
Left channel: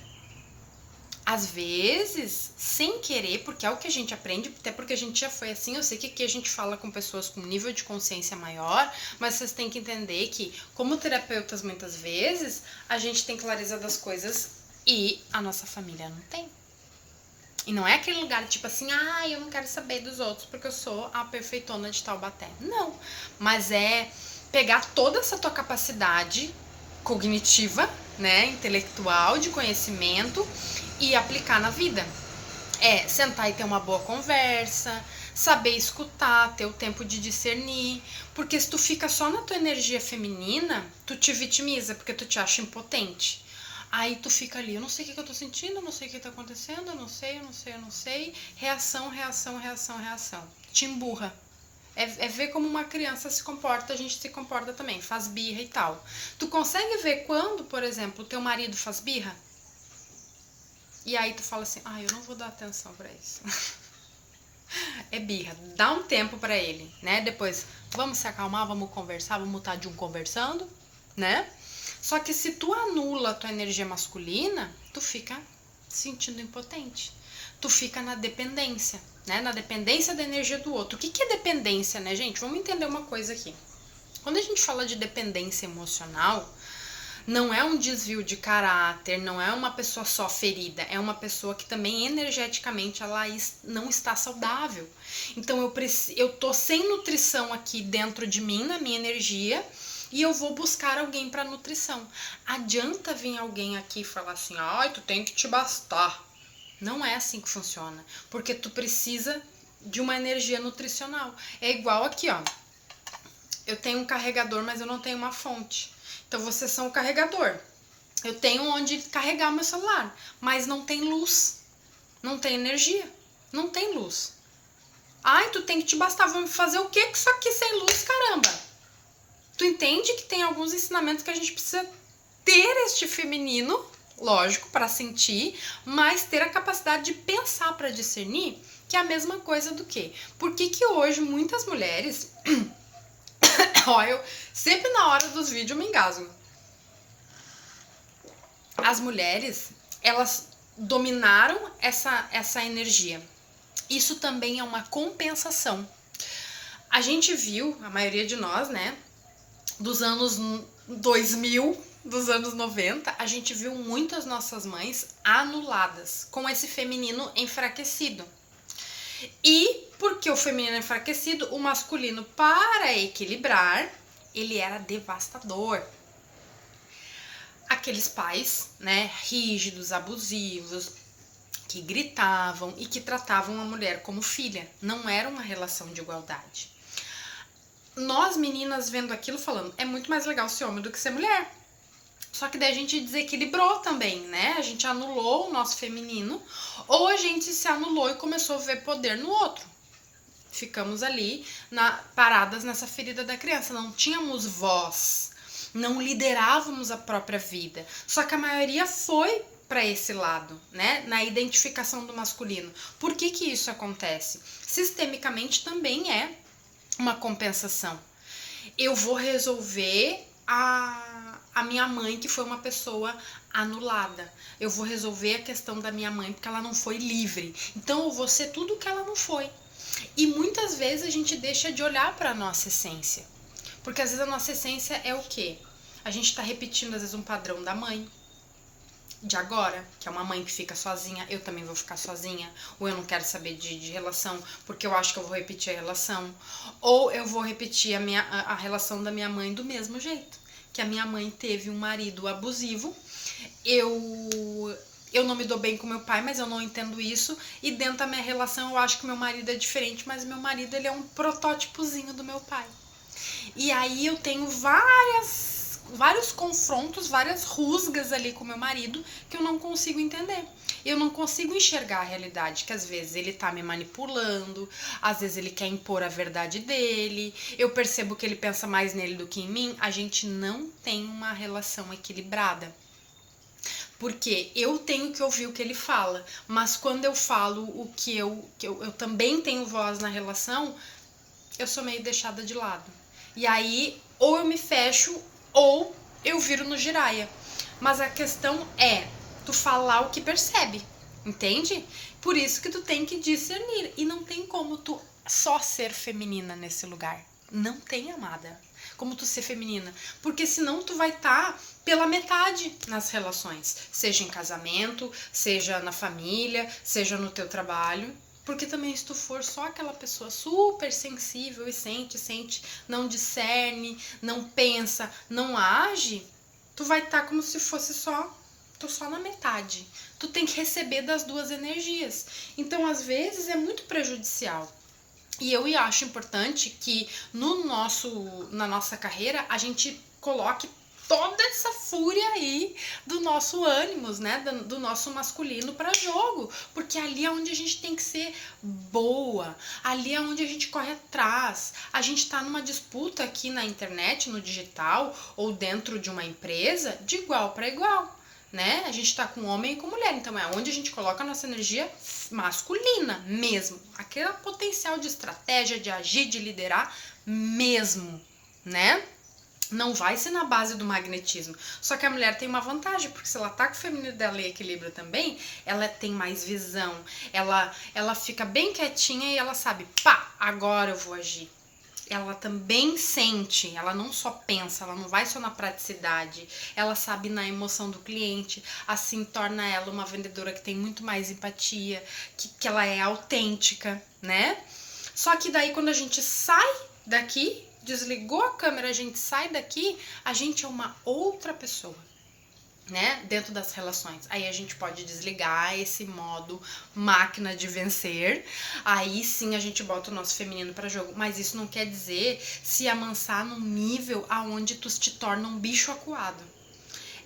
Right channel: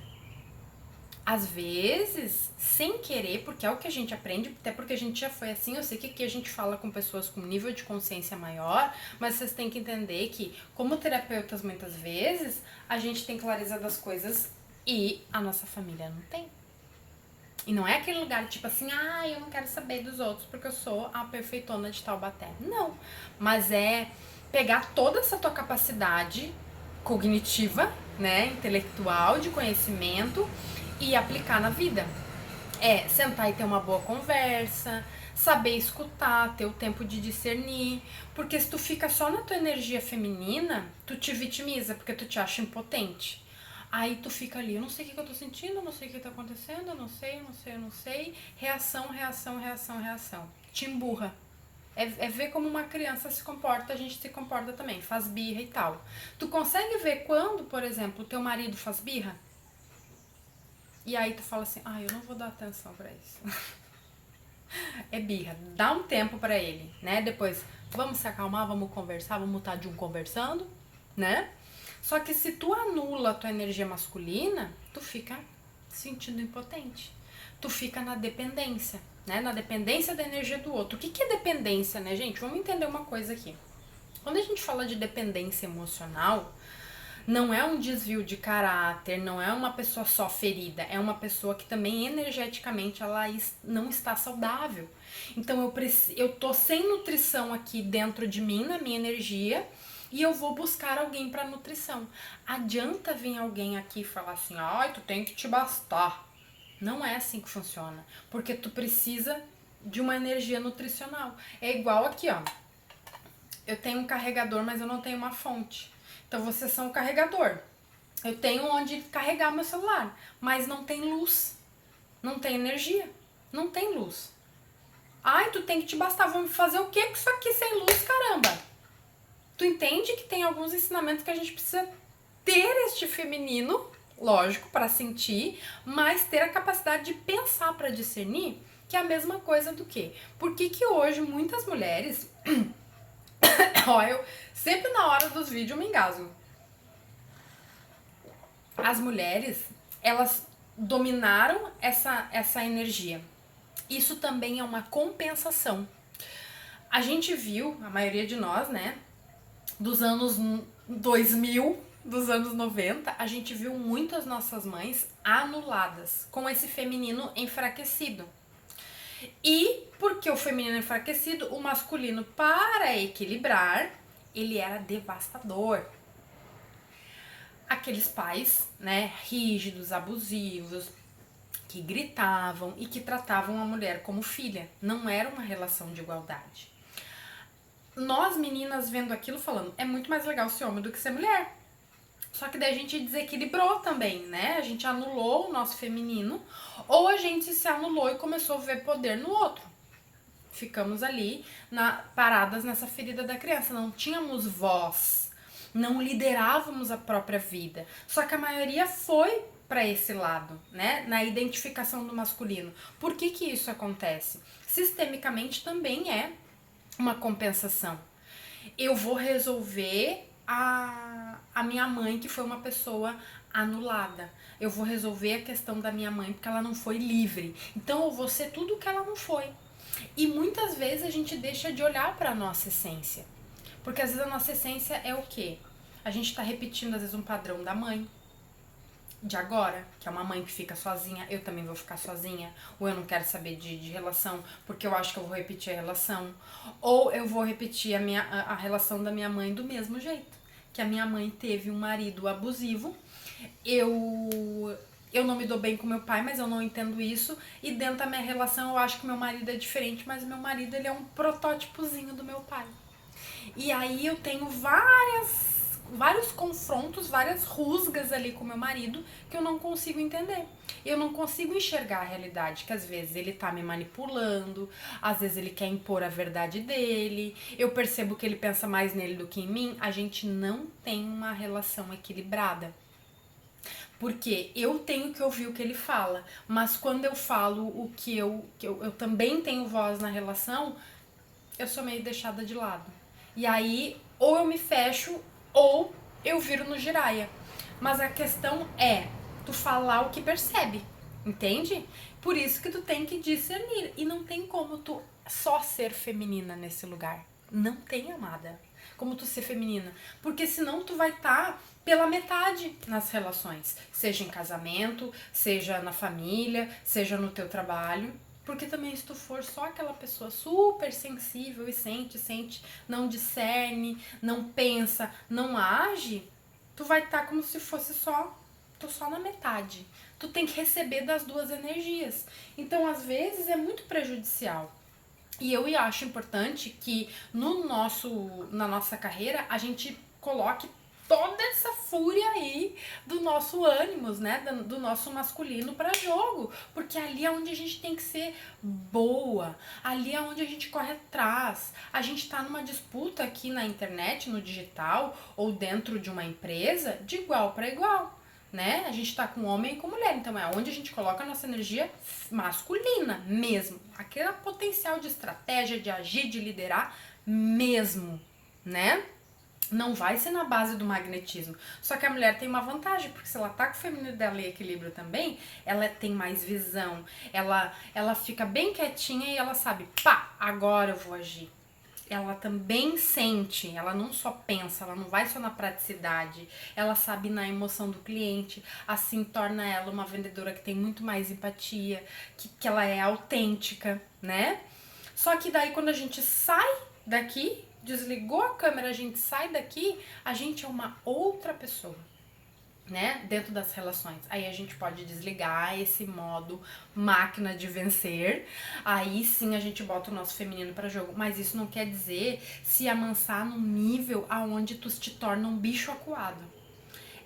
Às vezes, sem querer, porque é o que a gente aprende, até porque a gente já foi assim, eu sei que aqui a gente fala com pessoas com nível de consciência maior, mas vocês têm que entender que, como terapeutas, muitas vezes, a gente tem clareza das coisas e a nossa família não tem. E não é aquele lugar tipo assim, eu não quero saber dos outros porque eu sou a perfeitona de Taubaté. Não, mas é pegar toda essa tua capacidade cognitiva, né, intelectual, de conhecimento e aplicar na vida. É sentar e ter uma boa conversa, saber escutar, ter o tempo de discernir, porque se tu fica só na tua energia feminina, tu te vitimiza porque tu te acha impotente. Aí tu fica ali, eu não sei o que eu tô sentindo, eu não sei o que tá acontecendo, eu não sei. Reação. Te emburra. É ver como uma criança se comporta, a gente se comporta também, faz birra e tal. Tu consegue ver quando, por exemplo, teu marido faz birra? E aí tu fala assim, eu não vou dar atenção pra isso. É birra, dá um tempo pra ele, né? Depois, vamos se acalmar, vamos conversar, vamos estar de um conversando, né? Só que se tu anula a tua energia masculina, tu fica sentindo impotente. Tu fica na dependência, né? Na dependência da energia do outro. O que é dependência, né, gente? Vamos entender uma coisa aqui. Quando a gente fala de dependência emocional, não é um desvio de caráter, não é uma pessoa só ferida, é uma pessoa que também energeticamente ela não está saudável. Então eu tô sem nutrição aqui dentro de mim, na minha energia, e eu vou buscar alguém para nutrição. Adianta vir alguém aqui e falar assim, tu tem que te bastar. Não é assim que funciona, porque tu precisa de uma energia nutricional. É igual aqui, ó. Eu tenho um carregador, mas eu não tenho uma fonte. Então vocês são o carregador. Eu tenho onde carregar meu celular, mas não tem luz. Não tem energia. Não tem luz. Tu tem que te bastar. Vamos fazer o que com isso aqui sem luz, caramba? Tu entende que tem alguns ensinamentos que a gente precisa ter este feminino, lógico, para sentir, mas ter a capacidade de pensar para discernir, que é a mesma coisa do que? Por que hoje muitas mulheres... eu sempre na hora dos vídeos eu me engasgo. As mulheres, elas dominaram essa energia. Isso também é uma compensação. A gente viu, a maioria de nós, né, dos anos 2000, dos anos 90, a gente viu muitas nossas mães anuladas, com esse feminino enfraquecido. E porque o feminino é enfraquecido, o masculino, para equilibrar, ele era devastador. Aqueles pais, né, rígidos, abusivos, que gritavam e que tratavam a mulher como filha. Não era uma relação de igualdade. Nós, meninas, vendo aquilo, falando, é muito mais legal ser homem do que ser mulher. Só que daí a gente desequilibrou também, né? A gente anulou o nosso feminino, ou a gente se anulou e começou a ver poder no outro. Ficamos ali paradas nessa ferida da criança, não tínhamos voz, não liderávamos a própria vida. Só que a maioria foi para esse lado, né? Na identificação do masculino. Por que que isso acontece? Sistemicamente também é uma compensação. Eu vou resolver a minha mãe, que foi uma pessoa anulada. Eu vou resolver a questão da minha mãe porque ela não foi livre. Então eu vou ser tudo que ela não foi. E muitas vezes a gente deixa de olhar para a nossa essência. Porque às vezes a nossa essência é o quê? A gente está repetindo às vezes um padrão da mãe de agora, que é uma mãe que fica sozinha, eu também vou ficar sozinha, ou eu não quero saber de relação, porque eu acho que eu vou repetir a relação, ou eu vou repetir a relação da minha mãe do mesmo jeito, que a minha mãe teve um marido abusivo, eu não me dou bem com meu pai, mas eu não entendo isso, e dentro da minha relação eu acho que meu marido é diferente, mas meu marido ele é um protótipozinho do meu pai. E aí eu tenho vários confrontos, várias rusgas ali com meu marido que eu não consigo entender. Eu não consigo enxergar a realidade, que às vezes ele tá me manipulando, às vezes ele quer impor a verdade dele, eu percebo que ele pensa mais nele do que em mim. A gente não tem uma relação equilibrada. Porque eu tenho que ouvir o que ele fala, mas quando eu falo o que eu também tenho voz na relação, eu sou meio deixada de lado. E aí, ou eu me fecho, ou eu viro no giraia. Mas a questão é tu falar o que percebe, entende? Por isso que tu tem que discernir. E não tem como tu só ser feminina nesse lugar. Não tem, amada, como tu ser feminina. Porque senão tu vai estar pela metade nas relações. Seja em casamento, seja na família, seja no teu trabalho. Porque também se tu for só aquela pessoa super sensível e sente, não discerne, não pensa, não age, tu vai estar como se fosse tô só na metade. Tu tem que receber das duas energias. Então, às vezes, é muito prejudicial. E eu acho importante que na nossa carreira a gente coloque toda essa fúria aí do nosso ânimos, né, do nosso masculino para jogo, porque ali é onde a gente tem que ser boa, ali é onde a gente corre atrás. A gente tá numa disputa aqui na internet, no digital ou dentro de uma empresa de igual para igual, né? A gente tá com homem e com mulher, então é onde a gente coloca a nossa energia masculina mesmo, aquele potencial de estratégia, de agir, de liderar mesmo, né? Não vai ser na base do magnetismo. Só que a mulher tem uma vantagem, porque se ela tá com o feminino dela em equilíbrio também, ela tem mais visão. Ela fica bem quietinha e ela sabe, pá, agora eu vou agir. Ela também sente, ela não só pensa, ela não vai só na praticidade, ela sabe na emoção do cliente, assim torna ela uma vendedora que tem muito mais empatia, que ela é autêntica, né? Só que daí quando a gente sai daqui, desligou a câmera, a gente sai daqui, a gente é uma outra pessoa, né? Dentro das relações. Aí a gente pode desligar esse modo máquina de vencer. Aí sim a gente bota o nosso feminino para jogo. Mas isso não quer dizer se amansar num nível aonde tu te torna um bicho acuado.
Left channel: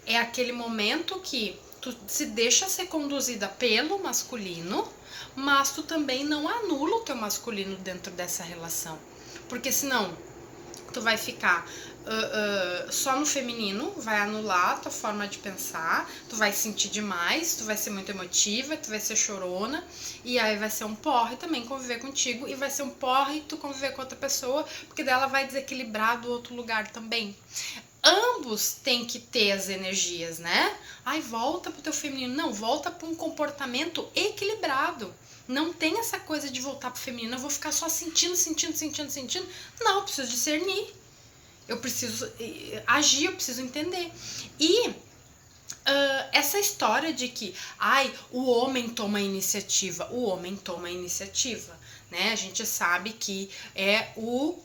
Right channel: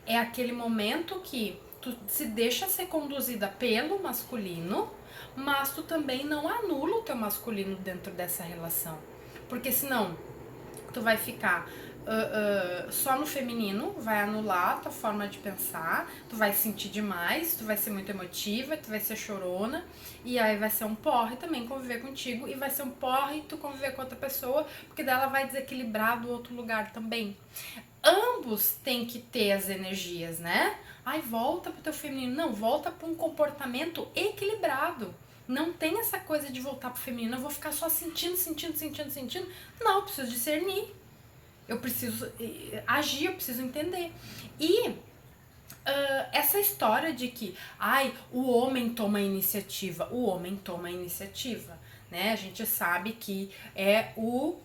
É aquele momento que tu se deixa ser conduzida pelo masculino, mas tu também não anula o teu masculino dentro dessa relação. Porque senão tu vai ficar só no feminino, vai anular a tua forma de pensar, tu vai sentir demais, tu vai ser muito emotiva, tu vai ser chorona, e aí vai ser um porre também conviver contigo, e vai ser um porre tu conviver com outra pessoa, porque daí ela vai desequilibrar do outro lugar também. Ambos têm que ter as energias, né? Ai, volta pro teu feminino. Não, volta pra um comportamento equilibrado. Não tem essa coisa de voltar pro feminino, eu vou ficar só sentindo. Não, eu preciso discernir. Eu preciso agir, eu preciso entender. E essa história de que, o homem toma a iniciativa, né? A gente sabe que é o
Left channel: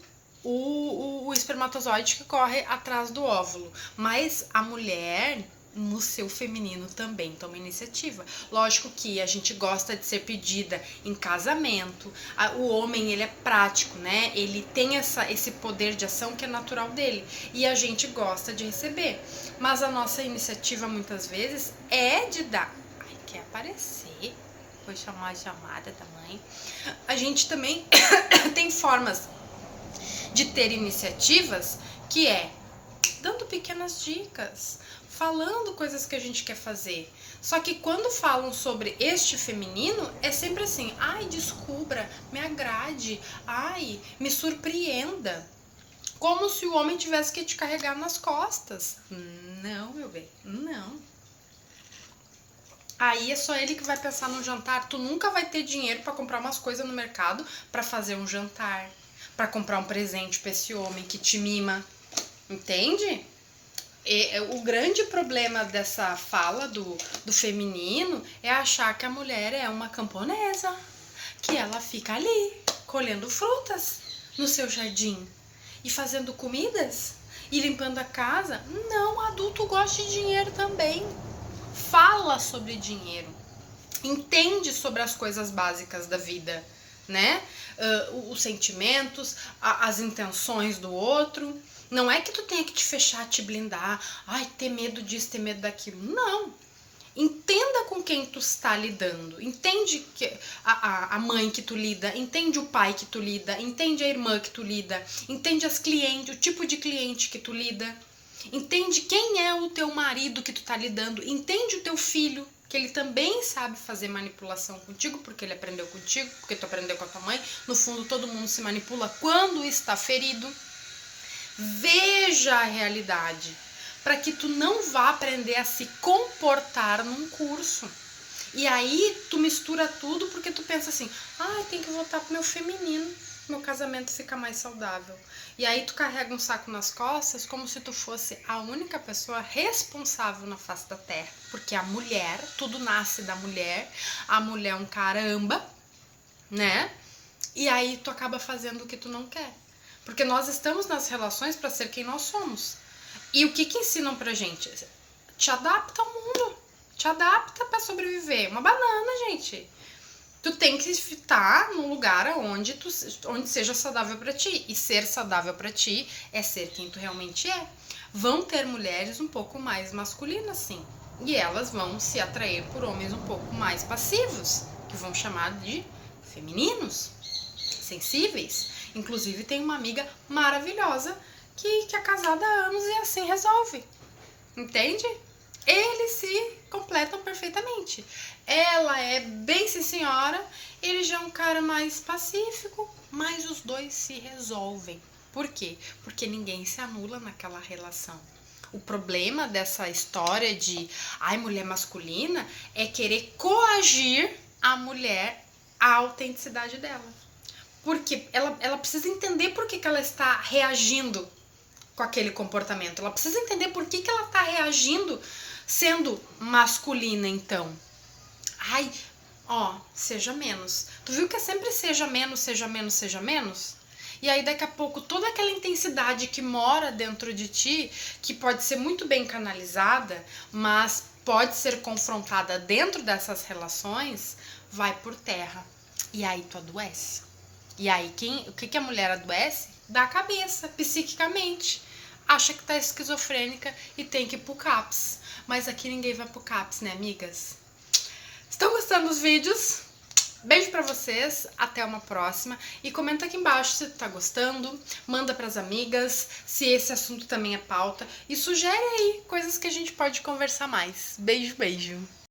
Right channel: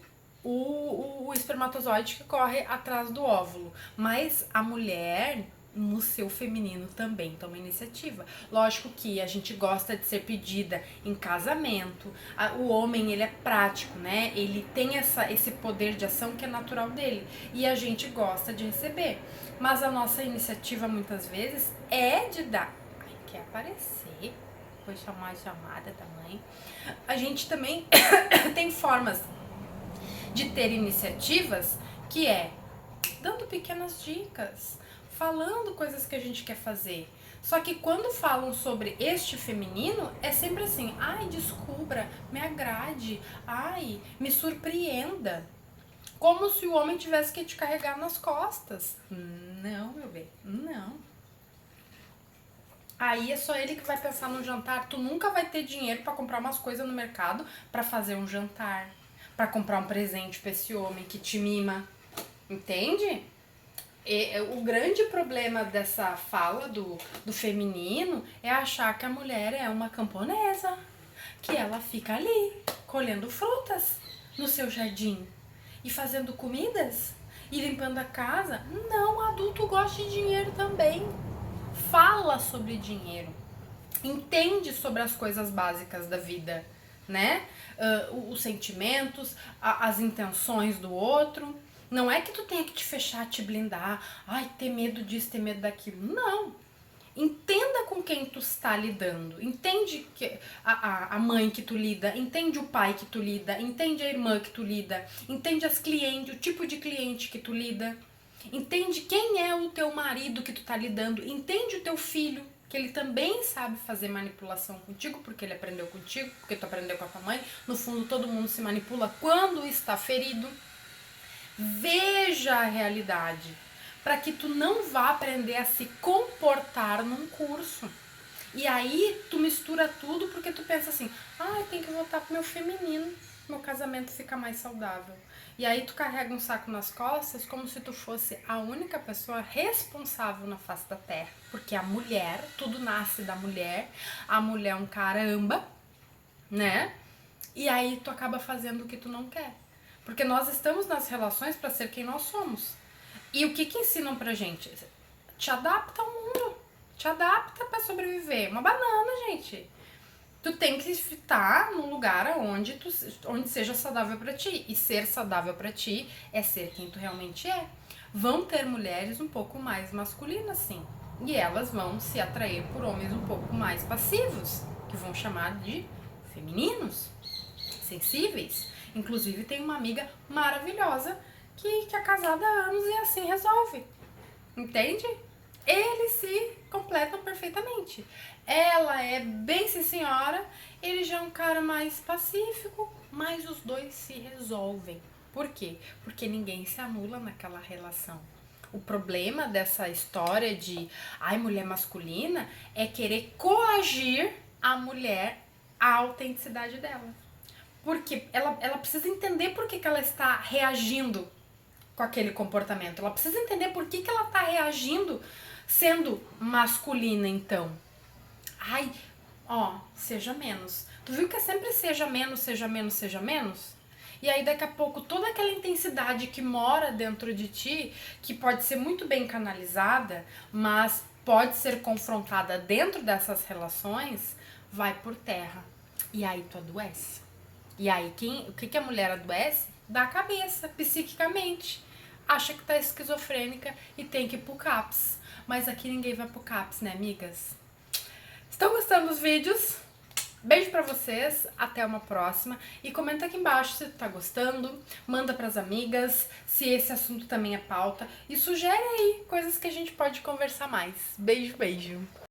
o espermatozoide que corre atrás do óvulo. Mas a mulher, no seu feminino, também toma iniciativa. Lógico que a gente gosta de ser pedida em casamento. O homem, ele é prático, né? Ele tem esse poder de ação que é natural dele. E a gente gosta de receber. Mas a nossa iniciativa, muitas vezes, é de dar. Ai, quer aparecer? Foi chamar a chamada da mãe. A gente também tem formas de ter iniciativas, que é dando pequenas dicas, falando coisas que a gente quer fazer. Só que quando falam sobre este feminino, é sempre assim: ai, descubra, me agrade, ai, me surpreenda. Como se o homem tivesse que te carregar nas costas. Não, meu bem, não. Aí é só ele que vai pensar no jantar. Tu nunca vai ter dinheiro para comprar umas coisas no mercado para fazer um jantar, para comprar um presente para esse homem que te mima. Entende? E o grande problema dessa fala do feminino é achar que a mulher é uma camponesa, que ela fica ali colhendo frutas no seu jardim e fazendo comidas e limpando a casa. Não, adulto gosta de dinheiro também. Fala sobre dinheiro, entende sobre as coisas básicas da vida, né? Os sentimentos, as intenções do outro. Não é que tu tenha que te fechar, te blindar, ai, ter medo disso, ter medo daquilo. Não. Entenda com quem tu está lidando. Entende que a mãe que tu lida, entende o pai que tu lida, entende a irmã que tu lida, entende as clientes, o tipo de cliente que tu lida. Entende quem é o teu marido que tu tá lidando, entende o teu filho, que ele também sabe fazer manipulação contigo, porque ele aprendeu contigo, porque tu aprendeu com a tua mãe. No fundo, todo mundo se manipula quando está ferido. Veja a realidade, para que tu não vá aprender a se comportar num curso. E aí tu mistura tudo porque tu pensa assim: ah, tem que voltar pro meu feminino, meu casamento fica mais saudável. E aí tu carrega um saco nas costas como se tu fosse a única pessoa responsável na face da terra. Porque a mulher, tudo nasce da mulher, a mulher é um caramba, né? E aí tu acaba fazendo o que tu não quer. Porque nós estamos nas relações para ser quem nós somos. E o que ensinam pra gente? Te adapta ao mundo. Te adapta para sobreviver. Uma banana, gente. Tu tem que estar num lugar onde seja saudável para ti. E ser saudável para ti é ser quem tu realmente é. Vão ter mulheres um pouco mais masculinas, sim. E elas vão se atrair por homens um pouco mais passivos, que vão chamar de femininos, sensíveis. Inclusive tem uma amiga maravilhosa que é casada há anos e assim resolve. Entende? Eles se completam perfeitamente. Ela é bem sim senhora, ele já é um cara mais pacífico, mas os dois se resolvem. Por quê? Porque ninguém se anula naquela relação. O problema dessa história de mulher masculina é querer coagir a mulher à autenticidade dela. Porque ela precisa entender por que ela está reagindo com aquele comportamento. Ela precisa entender por que ela está reagindo sendo masculina, então. Seja menos. Tu viu que é sempre seja menos, seja menos, seja menos? E aí daqui a pouco toda aquela intensidade que mora dentro de ti, que pode ser muito bem canalizada, mas pode ser confrontada dentro dessas relações, vai por terra. E aí tu adoece. E aí o que a mulher adoece? Da cabeça, psiquicamente. Acha que tá esquizofrênica e tem que ir pro CAPS. Mas aqui ninguém vai pro CAPS, né, amigas? Estão gostando dos vídeos? Beijo pra vocês, até uma próxima. E comenta aqui embaixo se tu tá gostando, manda pras amigas, se esse assunto também é pauta. E sugere aí coisas que a gente pode conversar mais. Beijo, beijo.